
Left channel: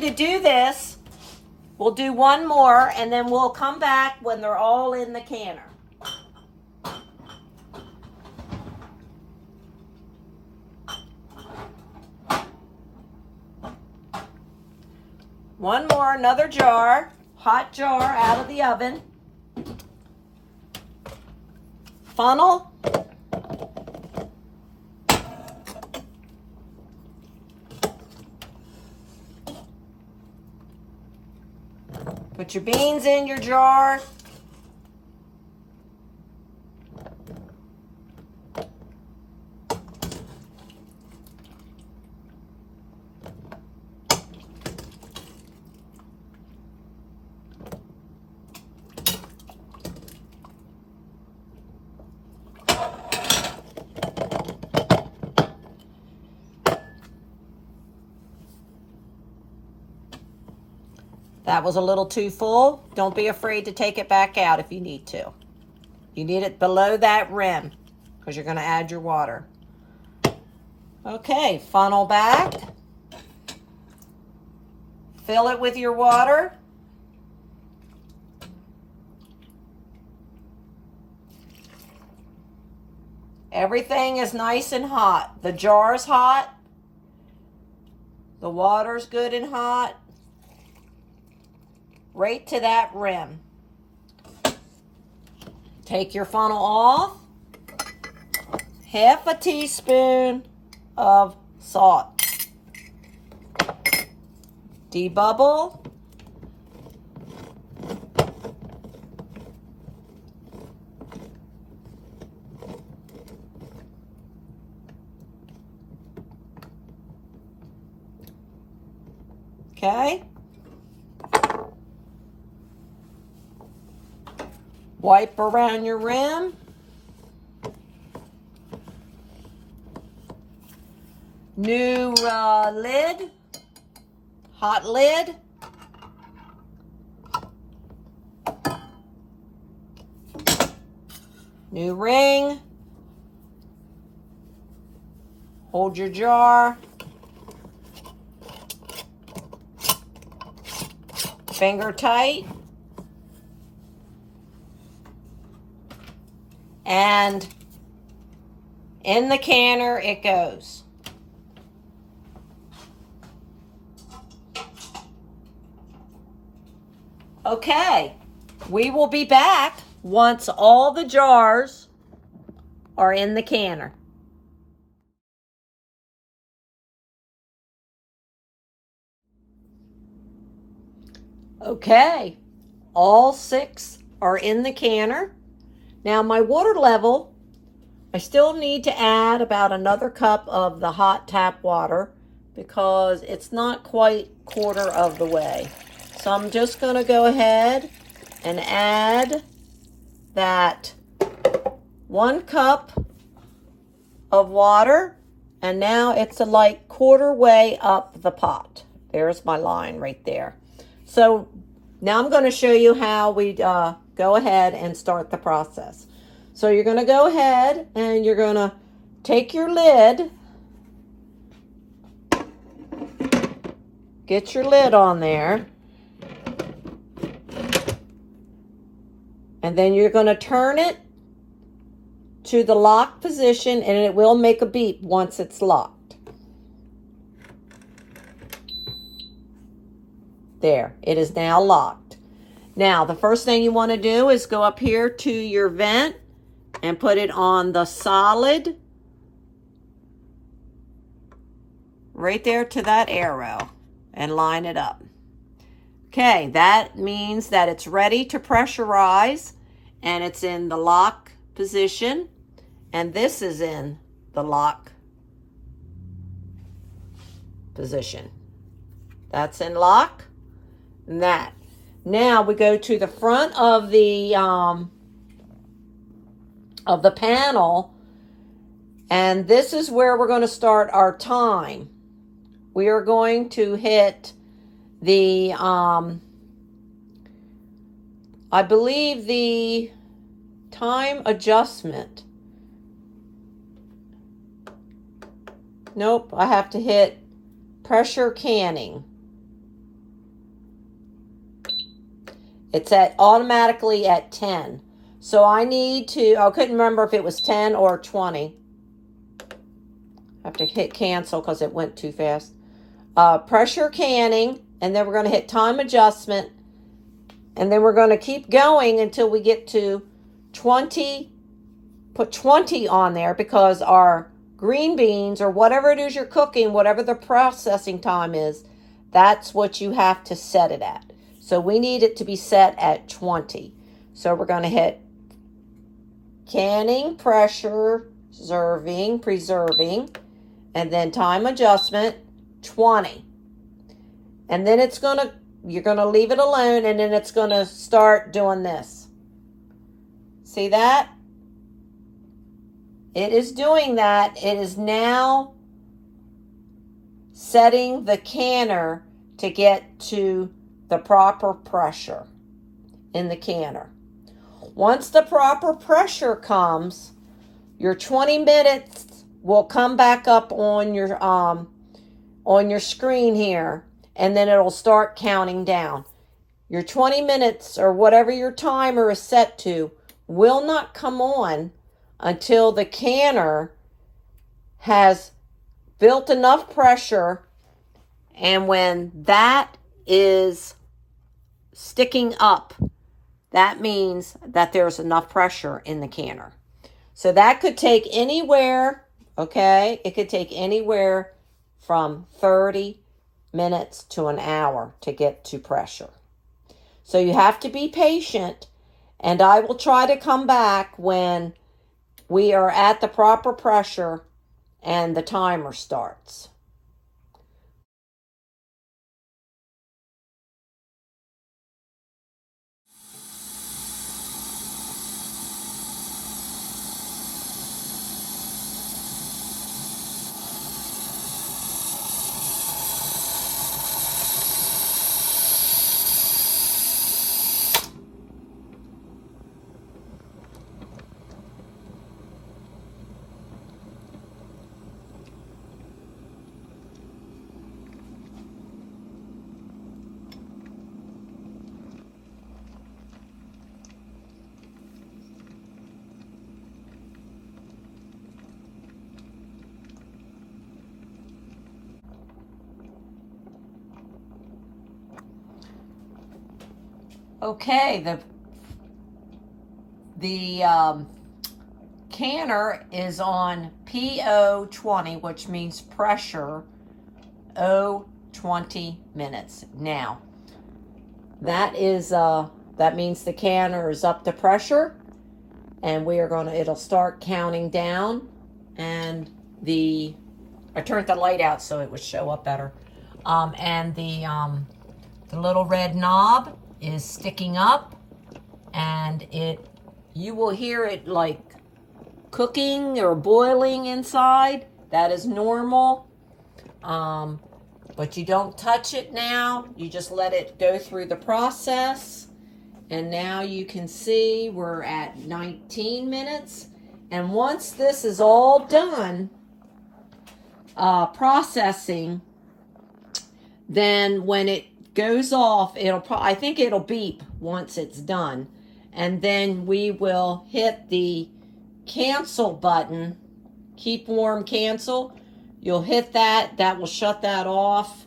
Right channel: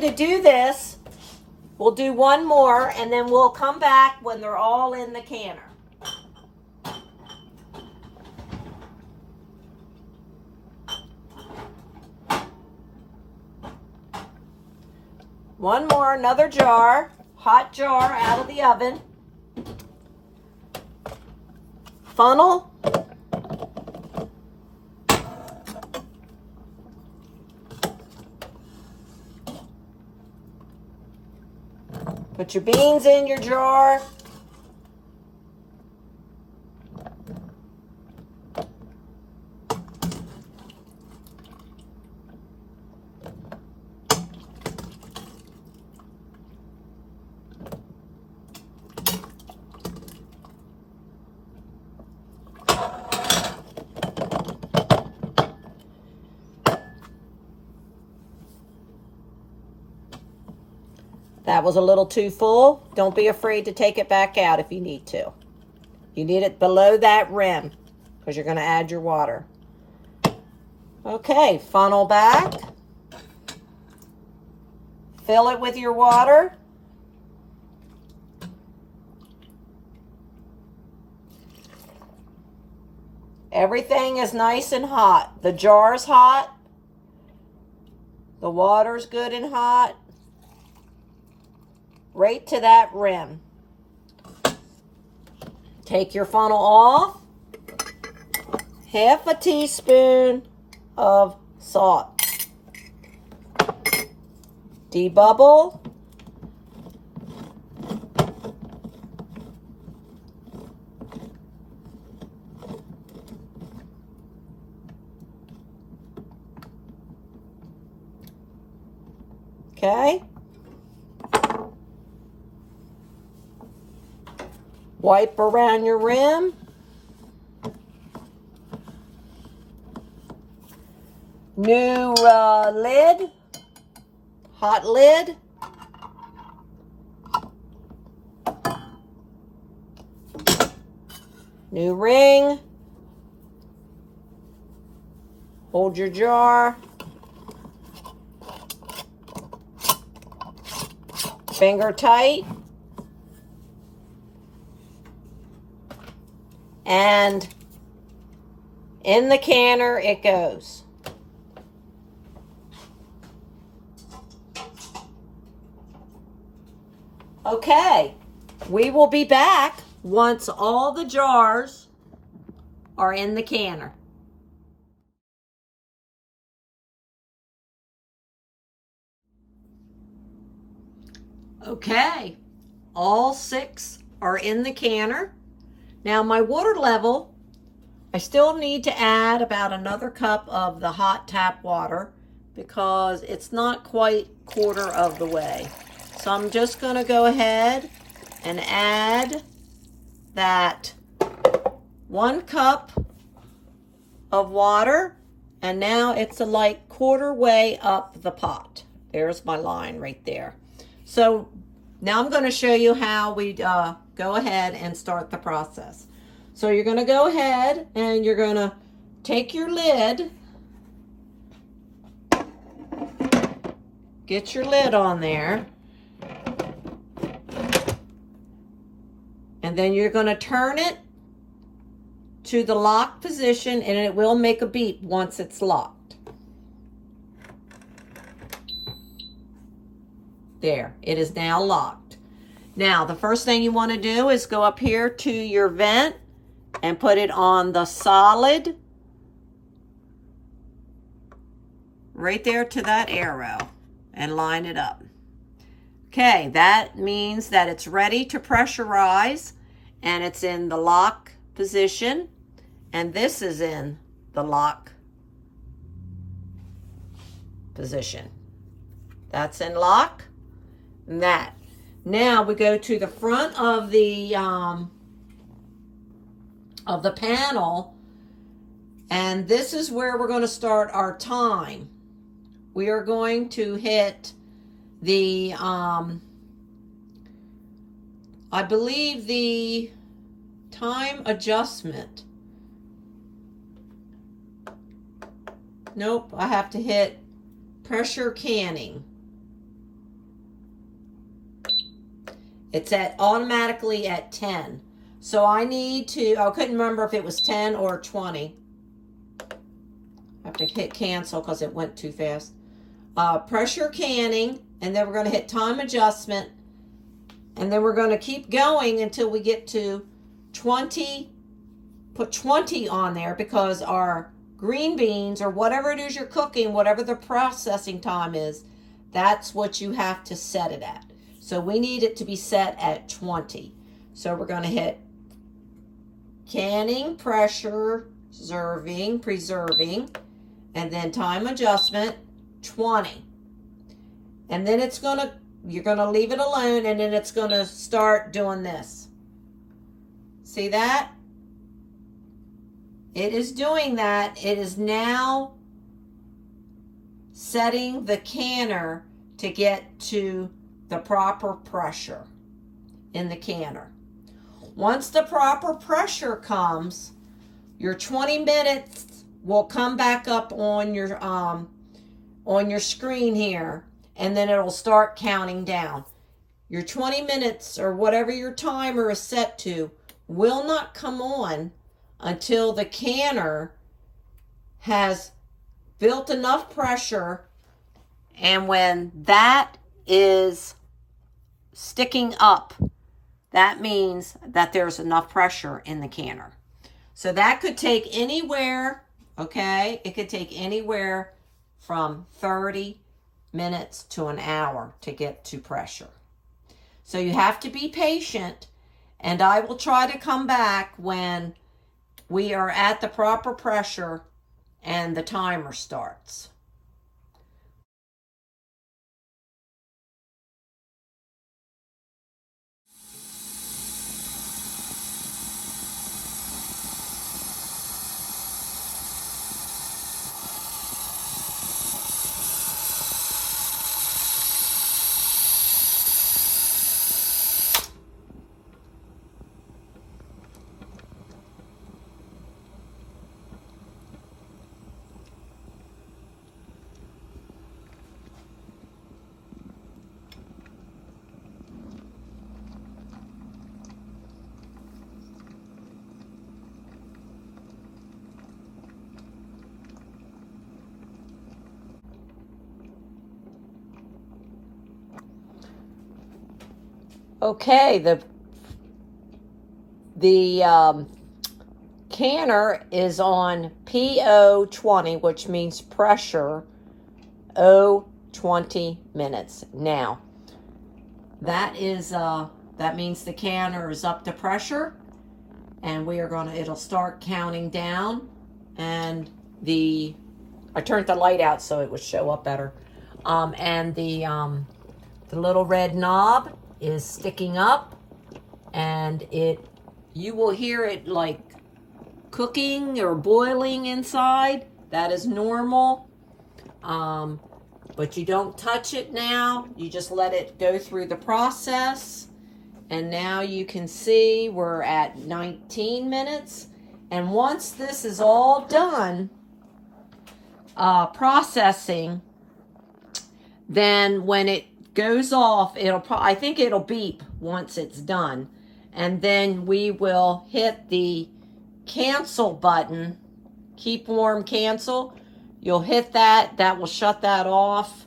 to do this. We'll do one more, and then we'll come back when they're all in the canner. One more, another jar, hot jar out of the oven. Funnel. Put your beans in your jar. That was a little too full. Don't be afraid to take it back out if you need to. You need it below that rim because you're going to add your water. Okay, funnel back. Fill it with your water. Everything is nice and hot. The jar's hot. The water's good and hot. Right to that rim. Take your funnel off. 1/2 teaspoon of salt. Debubble. Okay. Wipe around your rim. New lid. Hot lid. New ring. Hold your jar. Finger tight. And in the canner it goes. Okay, we will be back once all the jars are in the canner. Okay, all 6 are in the canner. Now my water level, I still need to add about another cup of the hot tap water because it's not quite 1/4 of the way. So I'm just going to go ahead and add that 1 cup of water, and now it's like quarter way up the pot. There's my line right there. So now I'm going to show you how we go ahead and start the process. So you're going to go ahead and you're going to take your lid, get your lid on there, and then you're going to turn it to the lock position, and it will make a beep once it's locked. There, it is now locked. Now, the first thing you want to do is go up here to your vent and put it on the solid, right there to that arrow, and line it up. Okay, that means that it's ready to pressurize, and it's in the lock position, and this is in the lock position. That's in lock. And that. Now we go to the front of the panel, and this is where we're going to start our time. We are going to hit the I believe the time adjustment. Nope, I have to hit pressure canning. It's automatically at 10. So I need to, I couldn't remember if it was 10 or 20. I have to hit cancel because it went too fast. Pressure canning, and then we're going to hit time adjustment, and then we're going to keep going until we get to 20. Put 20 on there because our green beans, or whatever it is you're cooking, whatever the processing time is, that's what you have to set it at. So we need it to be set at 20. So we're going to hit canning, pressure, preserving, and then time adjustment, 20. And then you're going to leave it alone, and then it's going to start doing this. See that? It is doing that. It is now setting the canner to get to the proper pressure in the canner. Once the proper pressure comes, your 20 minutes will come back up on your screen here, and then it'll start counting down. Your 20 minutes, or whatever your timer is set to, will not come on until the canner has built enough pressure, and when that is sticking up, that means that there's enough pressure in the canner. So that could take anywhere, okay? It could take anywhere from 30 minutes to an hour to get to pressure. So you have to be patient, and I will try to come back when we are at the proper pressure and the timer starts. Okay, the canner is on PO 20, which means pressure O 20 minutes. Now, that means the canner is up to pressure, and it'll start counting down, and I turned the light out so it would show up better. And the The little red knob is sticking up, and you will hear it like cooking or boiling inside. That is normal. But you don't touch it now. You just let it go through the process. And now you can see we're at 19 minutes. And once this is all done, processing, then when it goes off, I think it'll beep once it's done. And then we will hit the cancel button, keep warm cancel. You'll hit that. That will shut that off.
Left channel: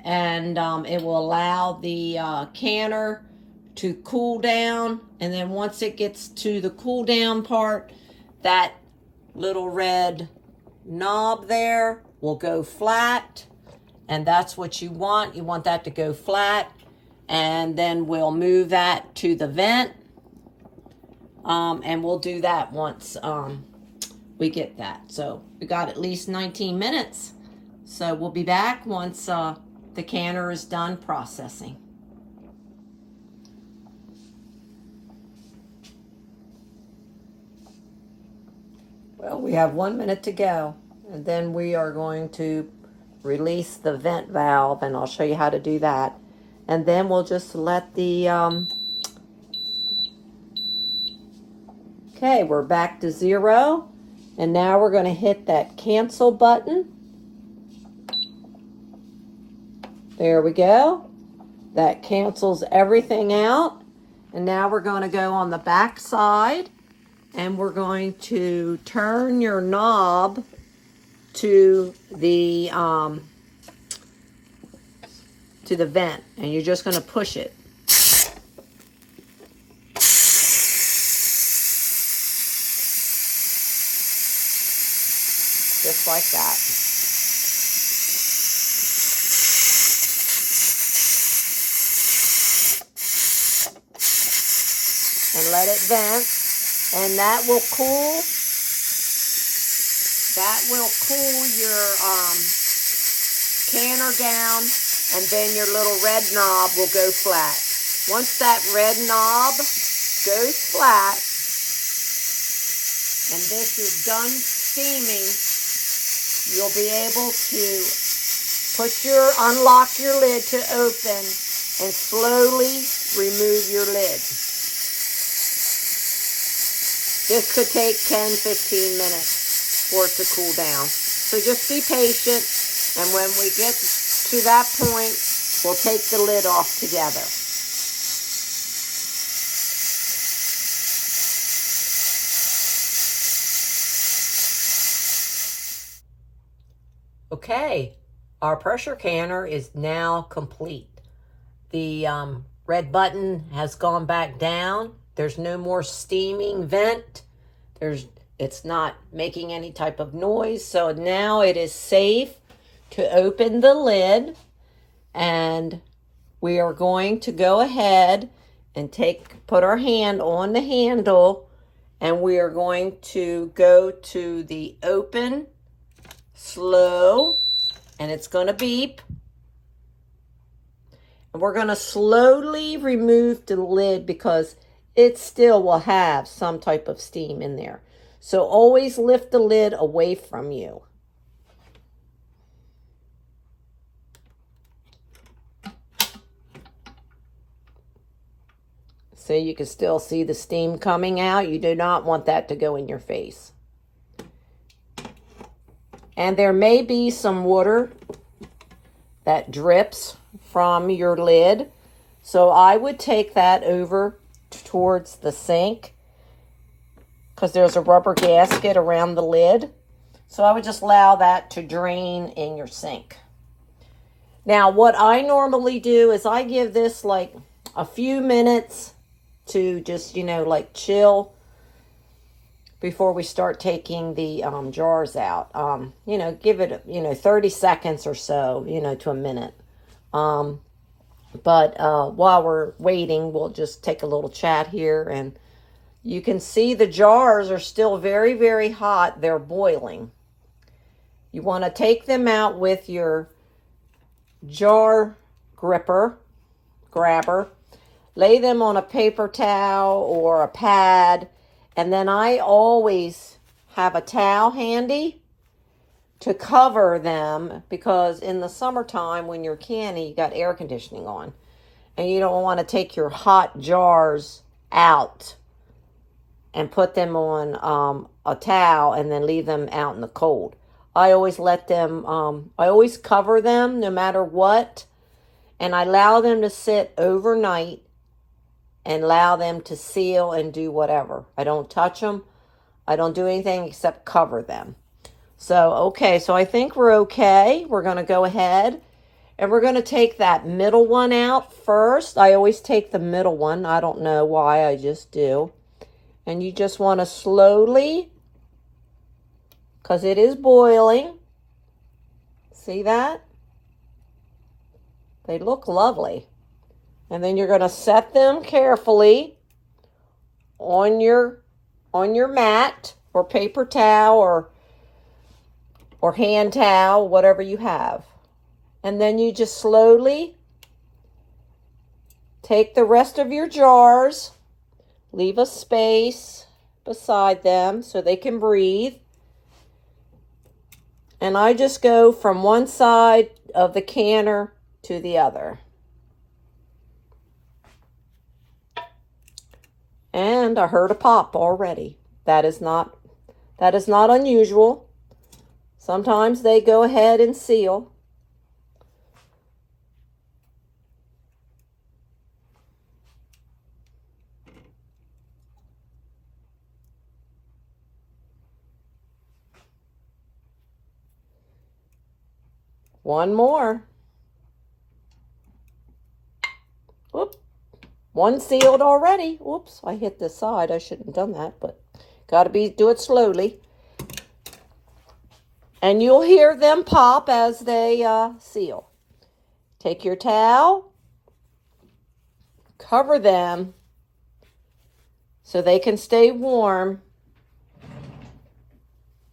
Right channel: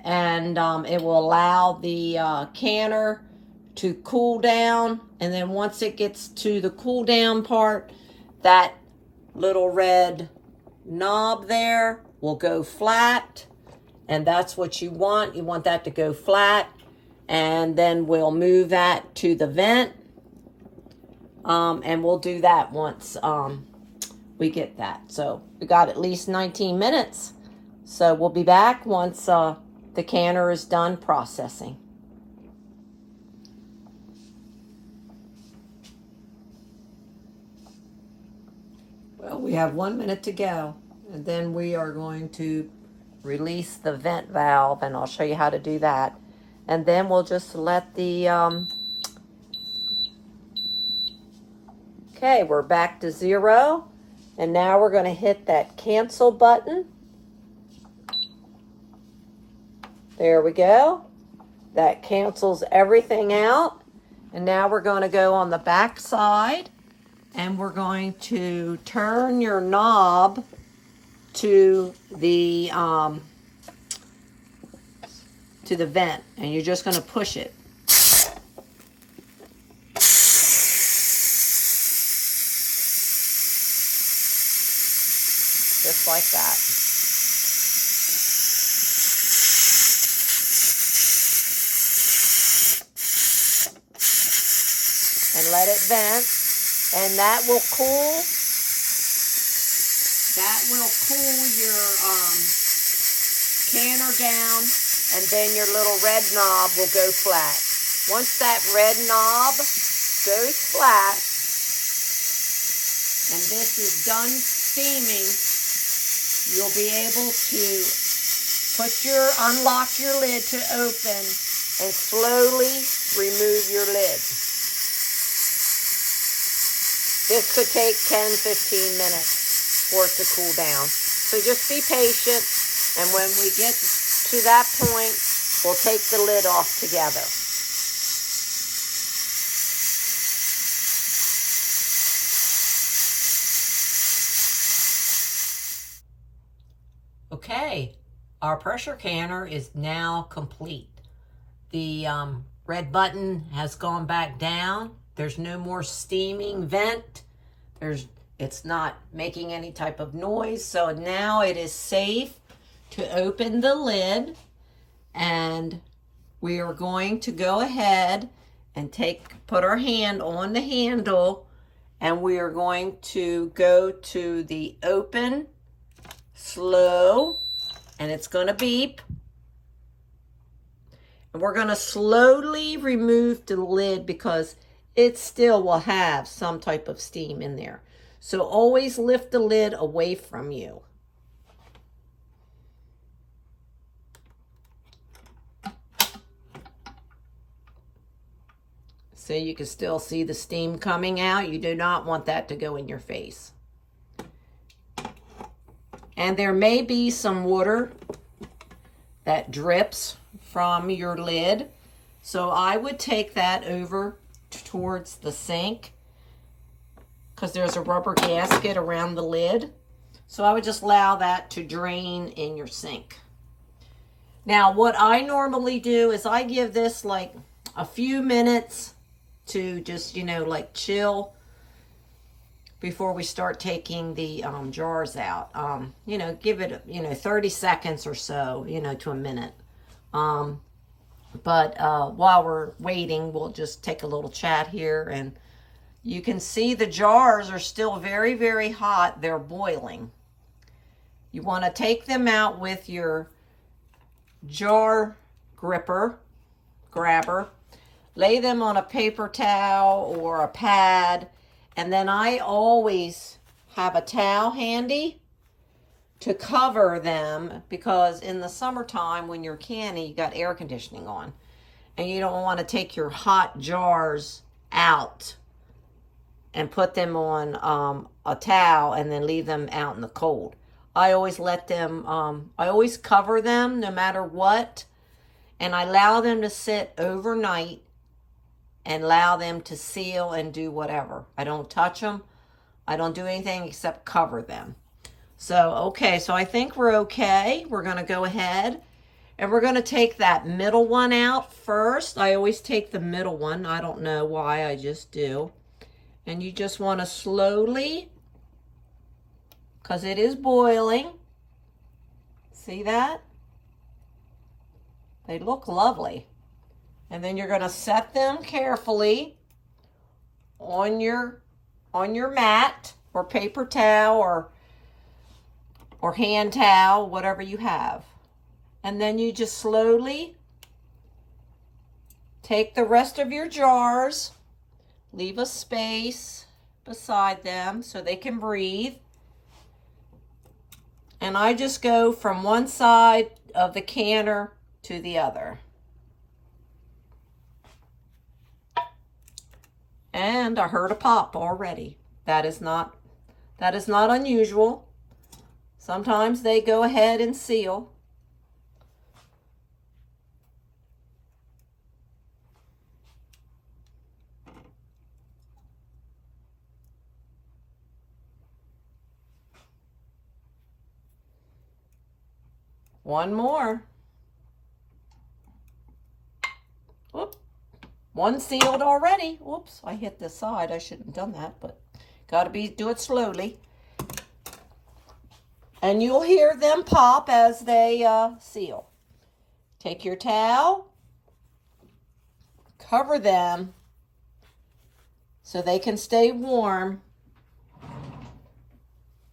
And it will allow the canner to cool down. And then once it gets to the cool down part, that little red knob there will go flat. And that's what you want. You want that to go flat. And then we'll move that to the vent. And we'll do that once we get that. So we got at least 19 minutes. So we'll be back once the canner is done processing. Well, we have 1 minute to go. And then we are going to release the vent valve, and I'll show you how to do that. And then we'll just let the okay, we're back to 0, and now we're going to hit that cancel button. There we go. That cancels everything out. And now we're going to go on the back side, and we're going to turn your knob to the vent, and you're just going to push it. Just like that. And let it vent, and that will cool. That will cool your canner down, and then your little red knob will go flat. Once that red knob goes flat, and this is done steaming, you'll be able to unlock your lid to open and slowly remove your lid. This could take 10-15 minutes for it to cool down. So just be patient, and when we get to that point, we'll take the lid off together. Okay, our pressure canner is now complete. The red button has gone back down. There's no more steaming vent. It's not making any type of noise. So now it is safe to open the lid, and we are going to go ahead and put our hand on the handle, and we are going to go to the open, slow, and it's going to beep. And we're going to slowly remove the lid because it still will have some type of steam in there. So always lift the lid away from you. So you can still see the steam coming out. You do not want that to go in your face. And there may be some water that drips from your lid. So I would take that over towards the sink because there's a rubber gasket around the lid. So I would just allow that to drain in your sink. Now, what I normally do is I give this like a few minutes to just, like chill before we start taking the jars out. Give it, 30 seconds or so, to a minute. But while we're waiting, we'll just take a little chat here. And you can see the jars are still very, very hot. They're boiling. You want to take them out with your jar gripper grabber. Lay them on a paper towel or a pad. And then I always have a towel handy to cover them, because in the summertime when you're canning, you got air conditioning on. And you don't want to take your hot jars out and put them on a towel and then leave them out in the cold. I always let them, I always cover them no matter what. And I allow them to sit overnight and allow them to seal and do whatever. I don't touch them. I don't do anything except cover them. So, okay, so I think we're okay. We're going to go ahead and we're going to take that middle one out first. I always take the middle one. I don't know why, I just do. And you just want to slowly, because it is boiling. See that? They look lovely. And then you're going to set them carefully on your mat or paper towel or hand towel, whatever you have. And then you just slowly take the rest of your jars, leave a space beside them so they can breathe. And I just go from one side of the canner to the other. And I heard a pop already. That is not unusual. Sometimes they go ahead and seal. One more. Whoop. One sealed already. Whoops, I hit this side. I shouldn't have done that, but gotta do it slowly. And you'll hear them pop as they seal. Take your towel, cover them so they can stay warm.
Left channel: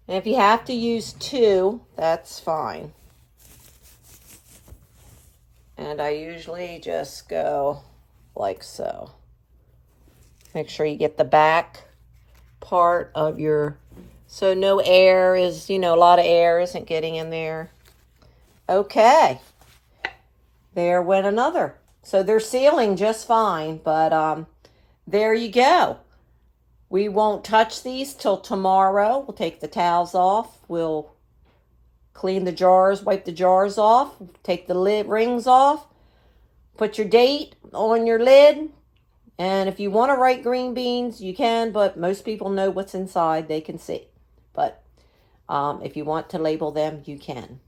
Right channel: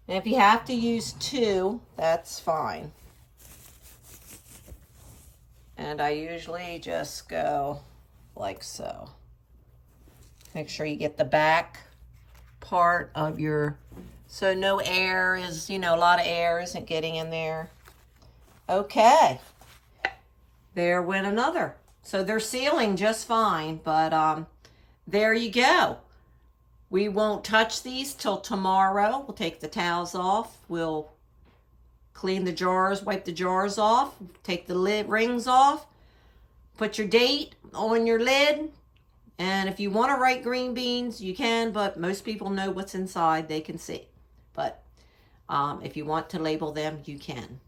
And if you have to use two, that's fine. And I usually just go like so. Make sure you get the back part of your, so no air is, a lot of air isn't getting in there. Okay. There went another. So they're sealing just fine, but there you go. We won't touch these till tomorrow. We'll take the towels off. We'll clean the jars, wipe the jars off, take the lid rings off, put your date on your lid. And if you want to write green beans, you can, but most people know what's inside. They can see. But if you want to label them, you can.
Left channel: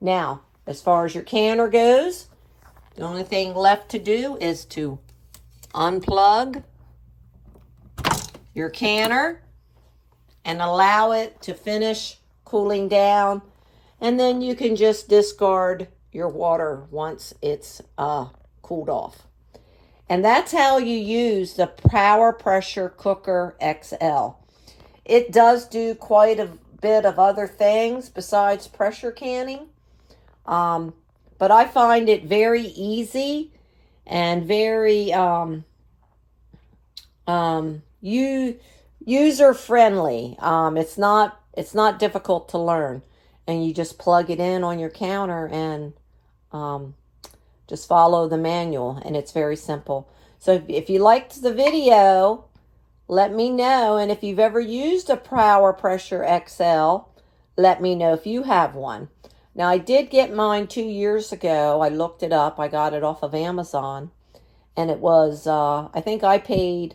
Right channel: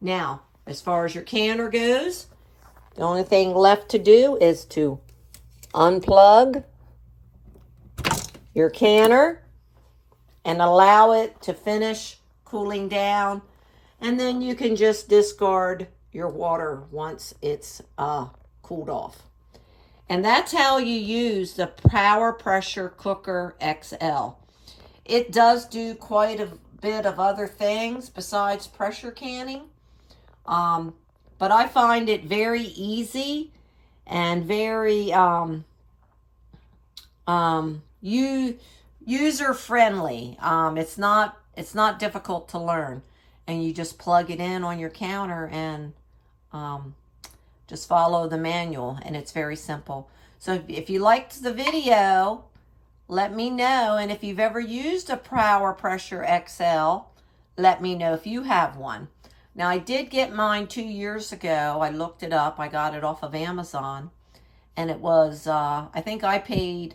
Now, as far as your canner goes, the only thing left to do is to unplug your canner and allow it to finish cooling down. And then you can just discard your water once it's cooled off. And that's how you use the Power Pressure Cooker XL. It does do quite a bit of other things besides pressure canning. But I find it very easy and very user-friendly. It's not difficult to learn. And you just plug it in on your counter and just follow the manual, and it's very simple. So if you liked the video, let me know. And if you've ever used a Power Pressure XL, let me know if you have one. Now, I did get mine 2 years ago. I looked it up. I got it off of Amazon. And it was, I think I paid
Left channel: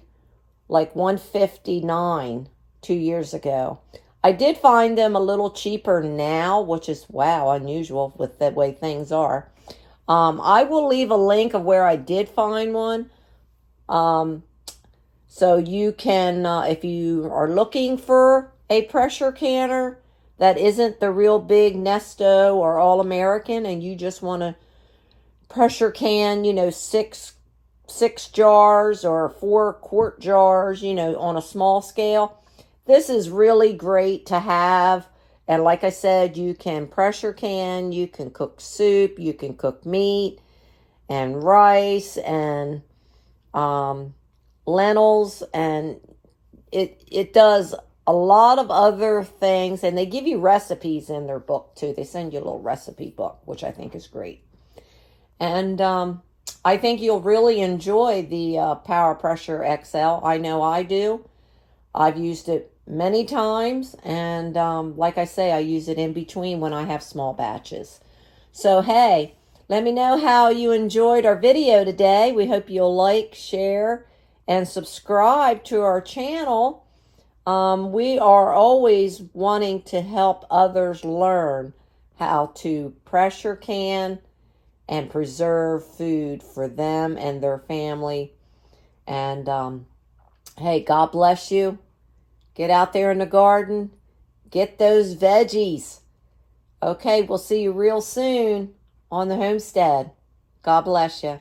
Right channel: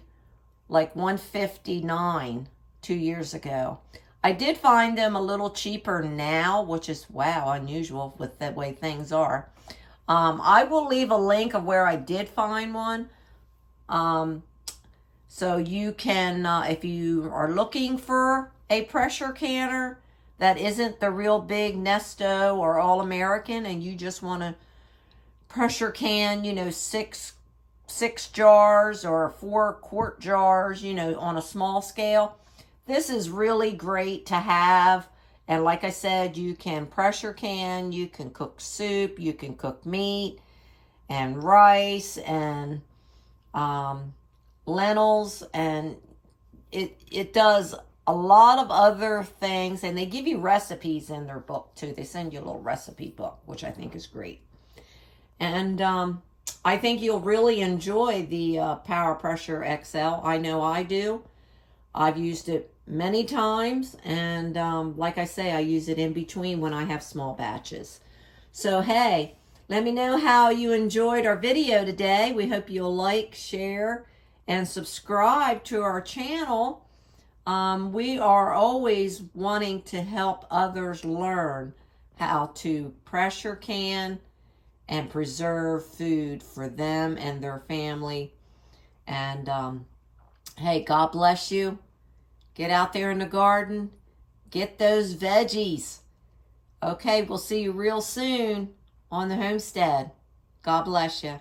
like $159 2 years ago. I did find them a little cheaper now, which is, wow, unusual with the way things are. I will leave a link of where I did find one. So you can, if you are looking for a pressure canner that isn't the real big Nesto or All American, and you just want to pressure can, six jars or 4-quart jars, on a small scale. This is really great to have. And like I said, you can pressure can, you can cook soup, you can cook meat. and rice and lentils, and it does a lot of other things, and they give you recipes in their book too. They send you a little recipe book, which I think is great. And I think you'll really enjoy the Power Pressure XL. I know I do. I've used it many times, and like I say, I use it in between when I have small batches. So hey, let me know how you enjoyed our video today. We hope you'll like, share, and subscribe to our channel. We are always wanting to help others learn how to pressure can and preserve food for them and their family. And hey, God bless you. Get out there in the garden. Get those veggies. Okay, we'll see you real soon on the homestead. God bless you.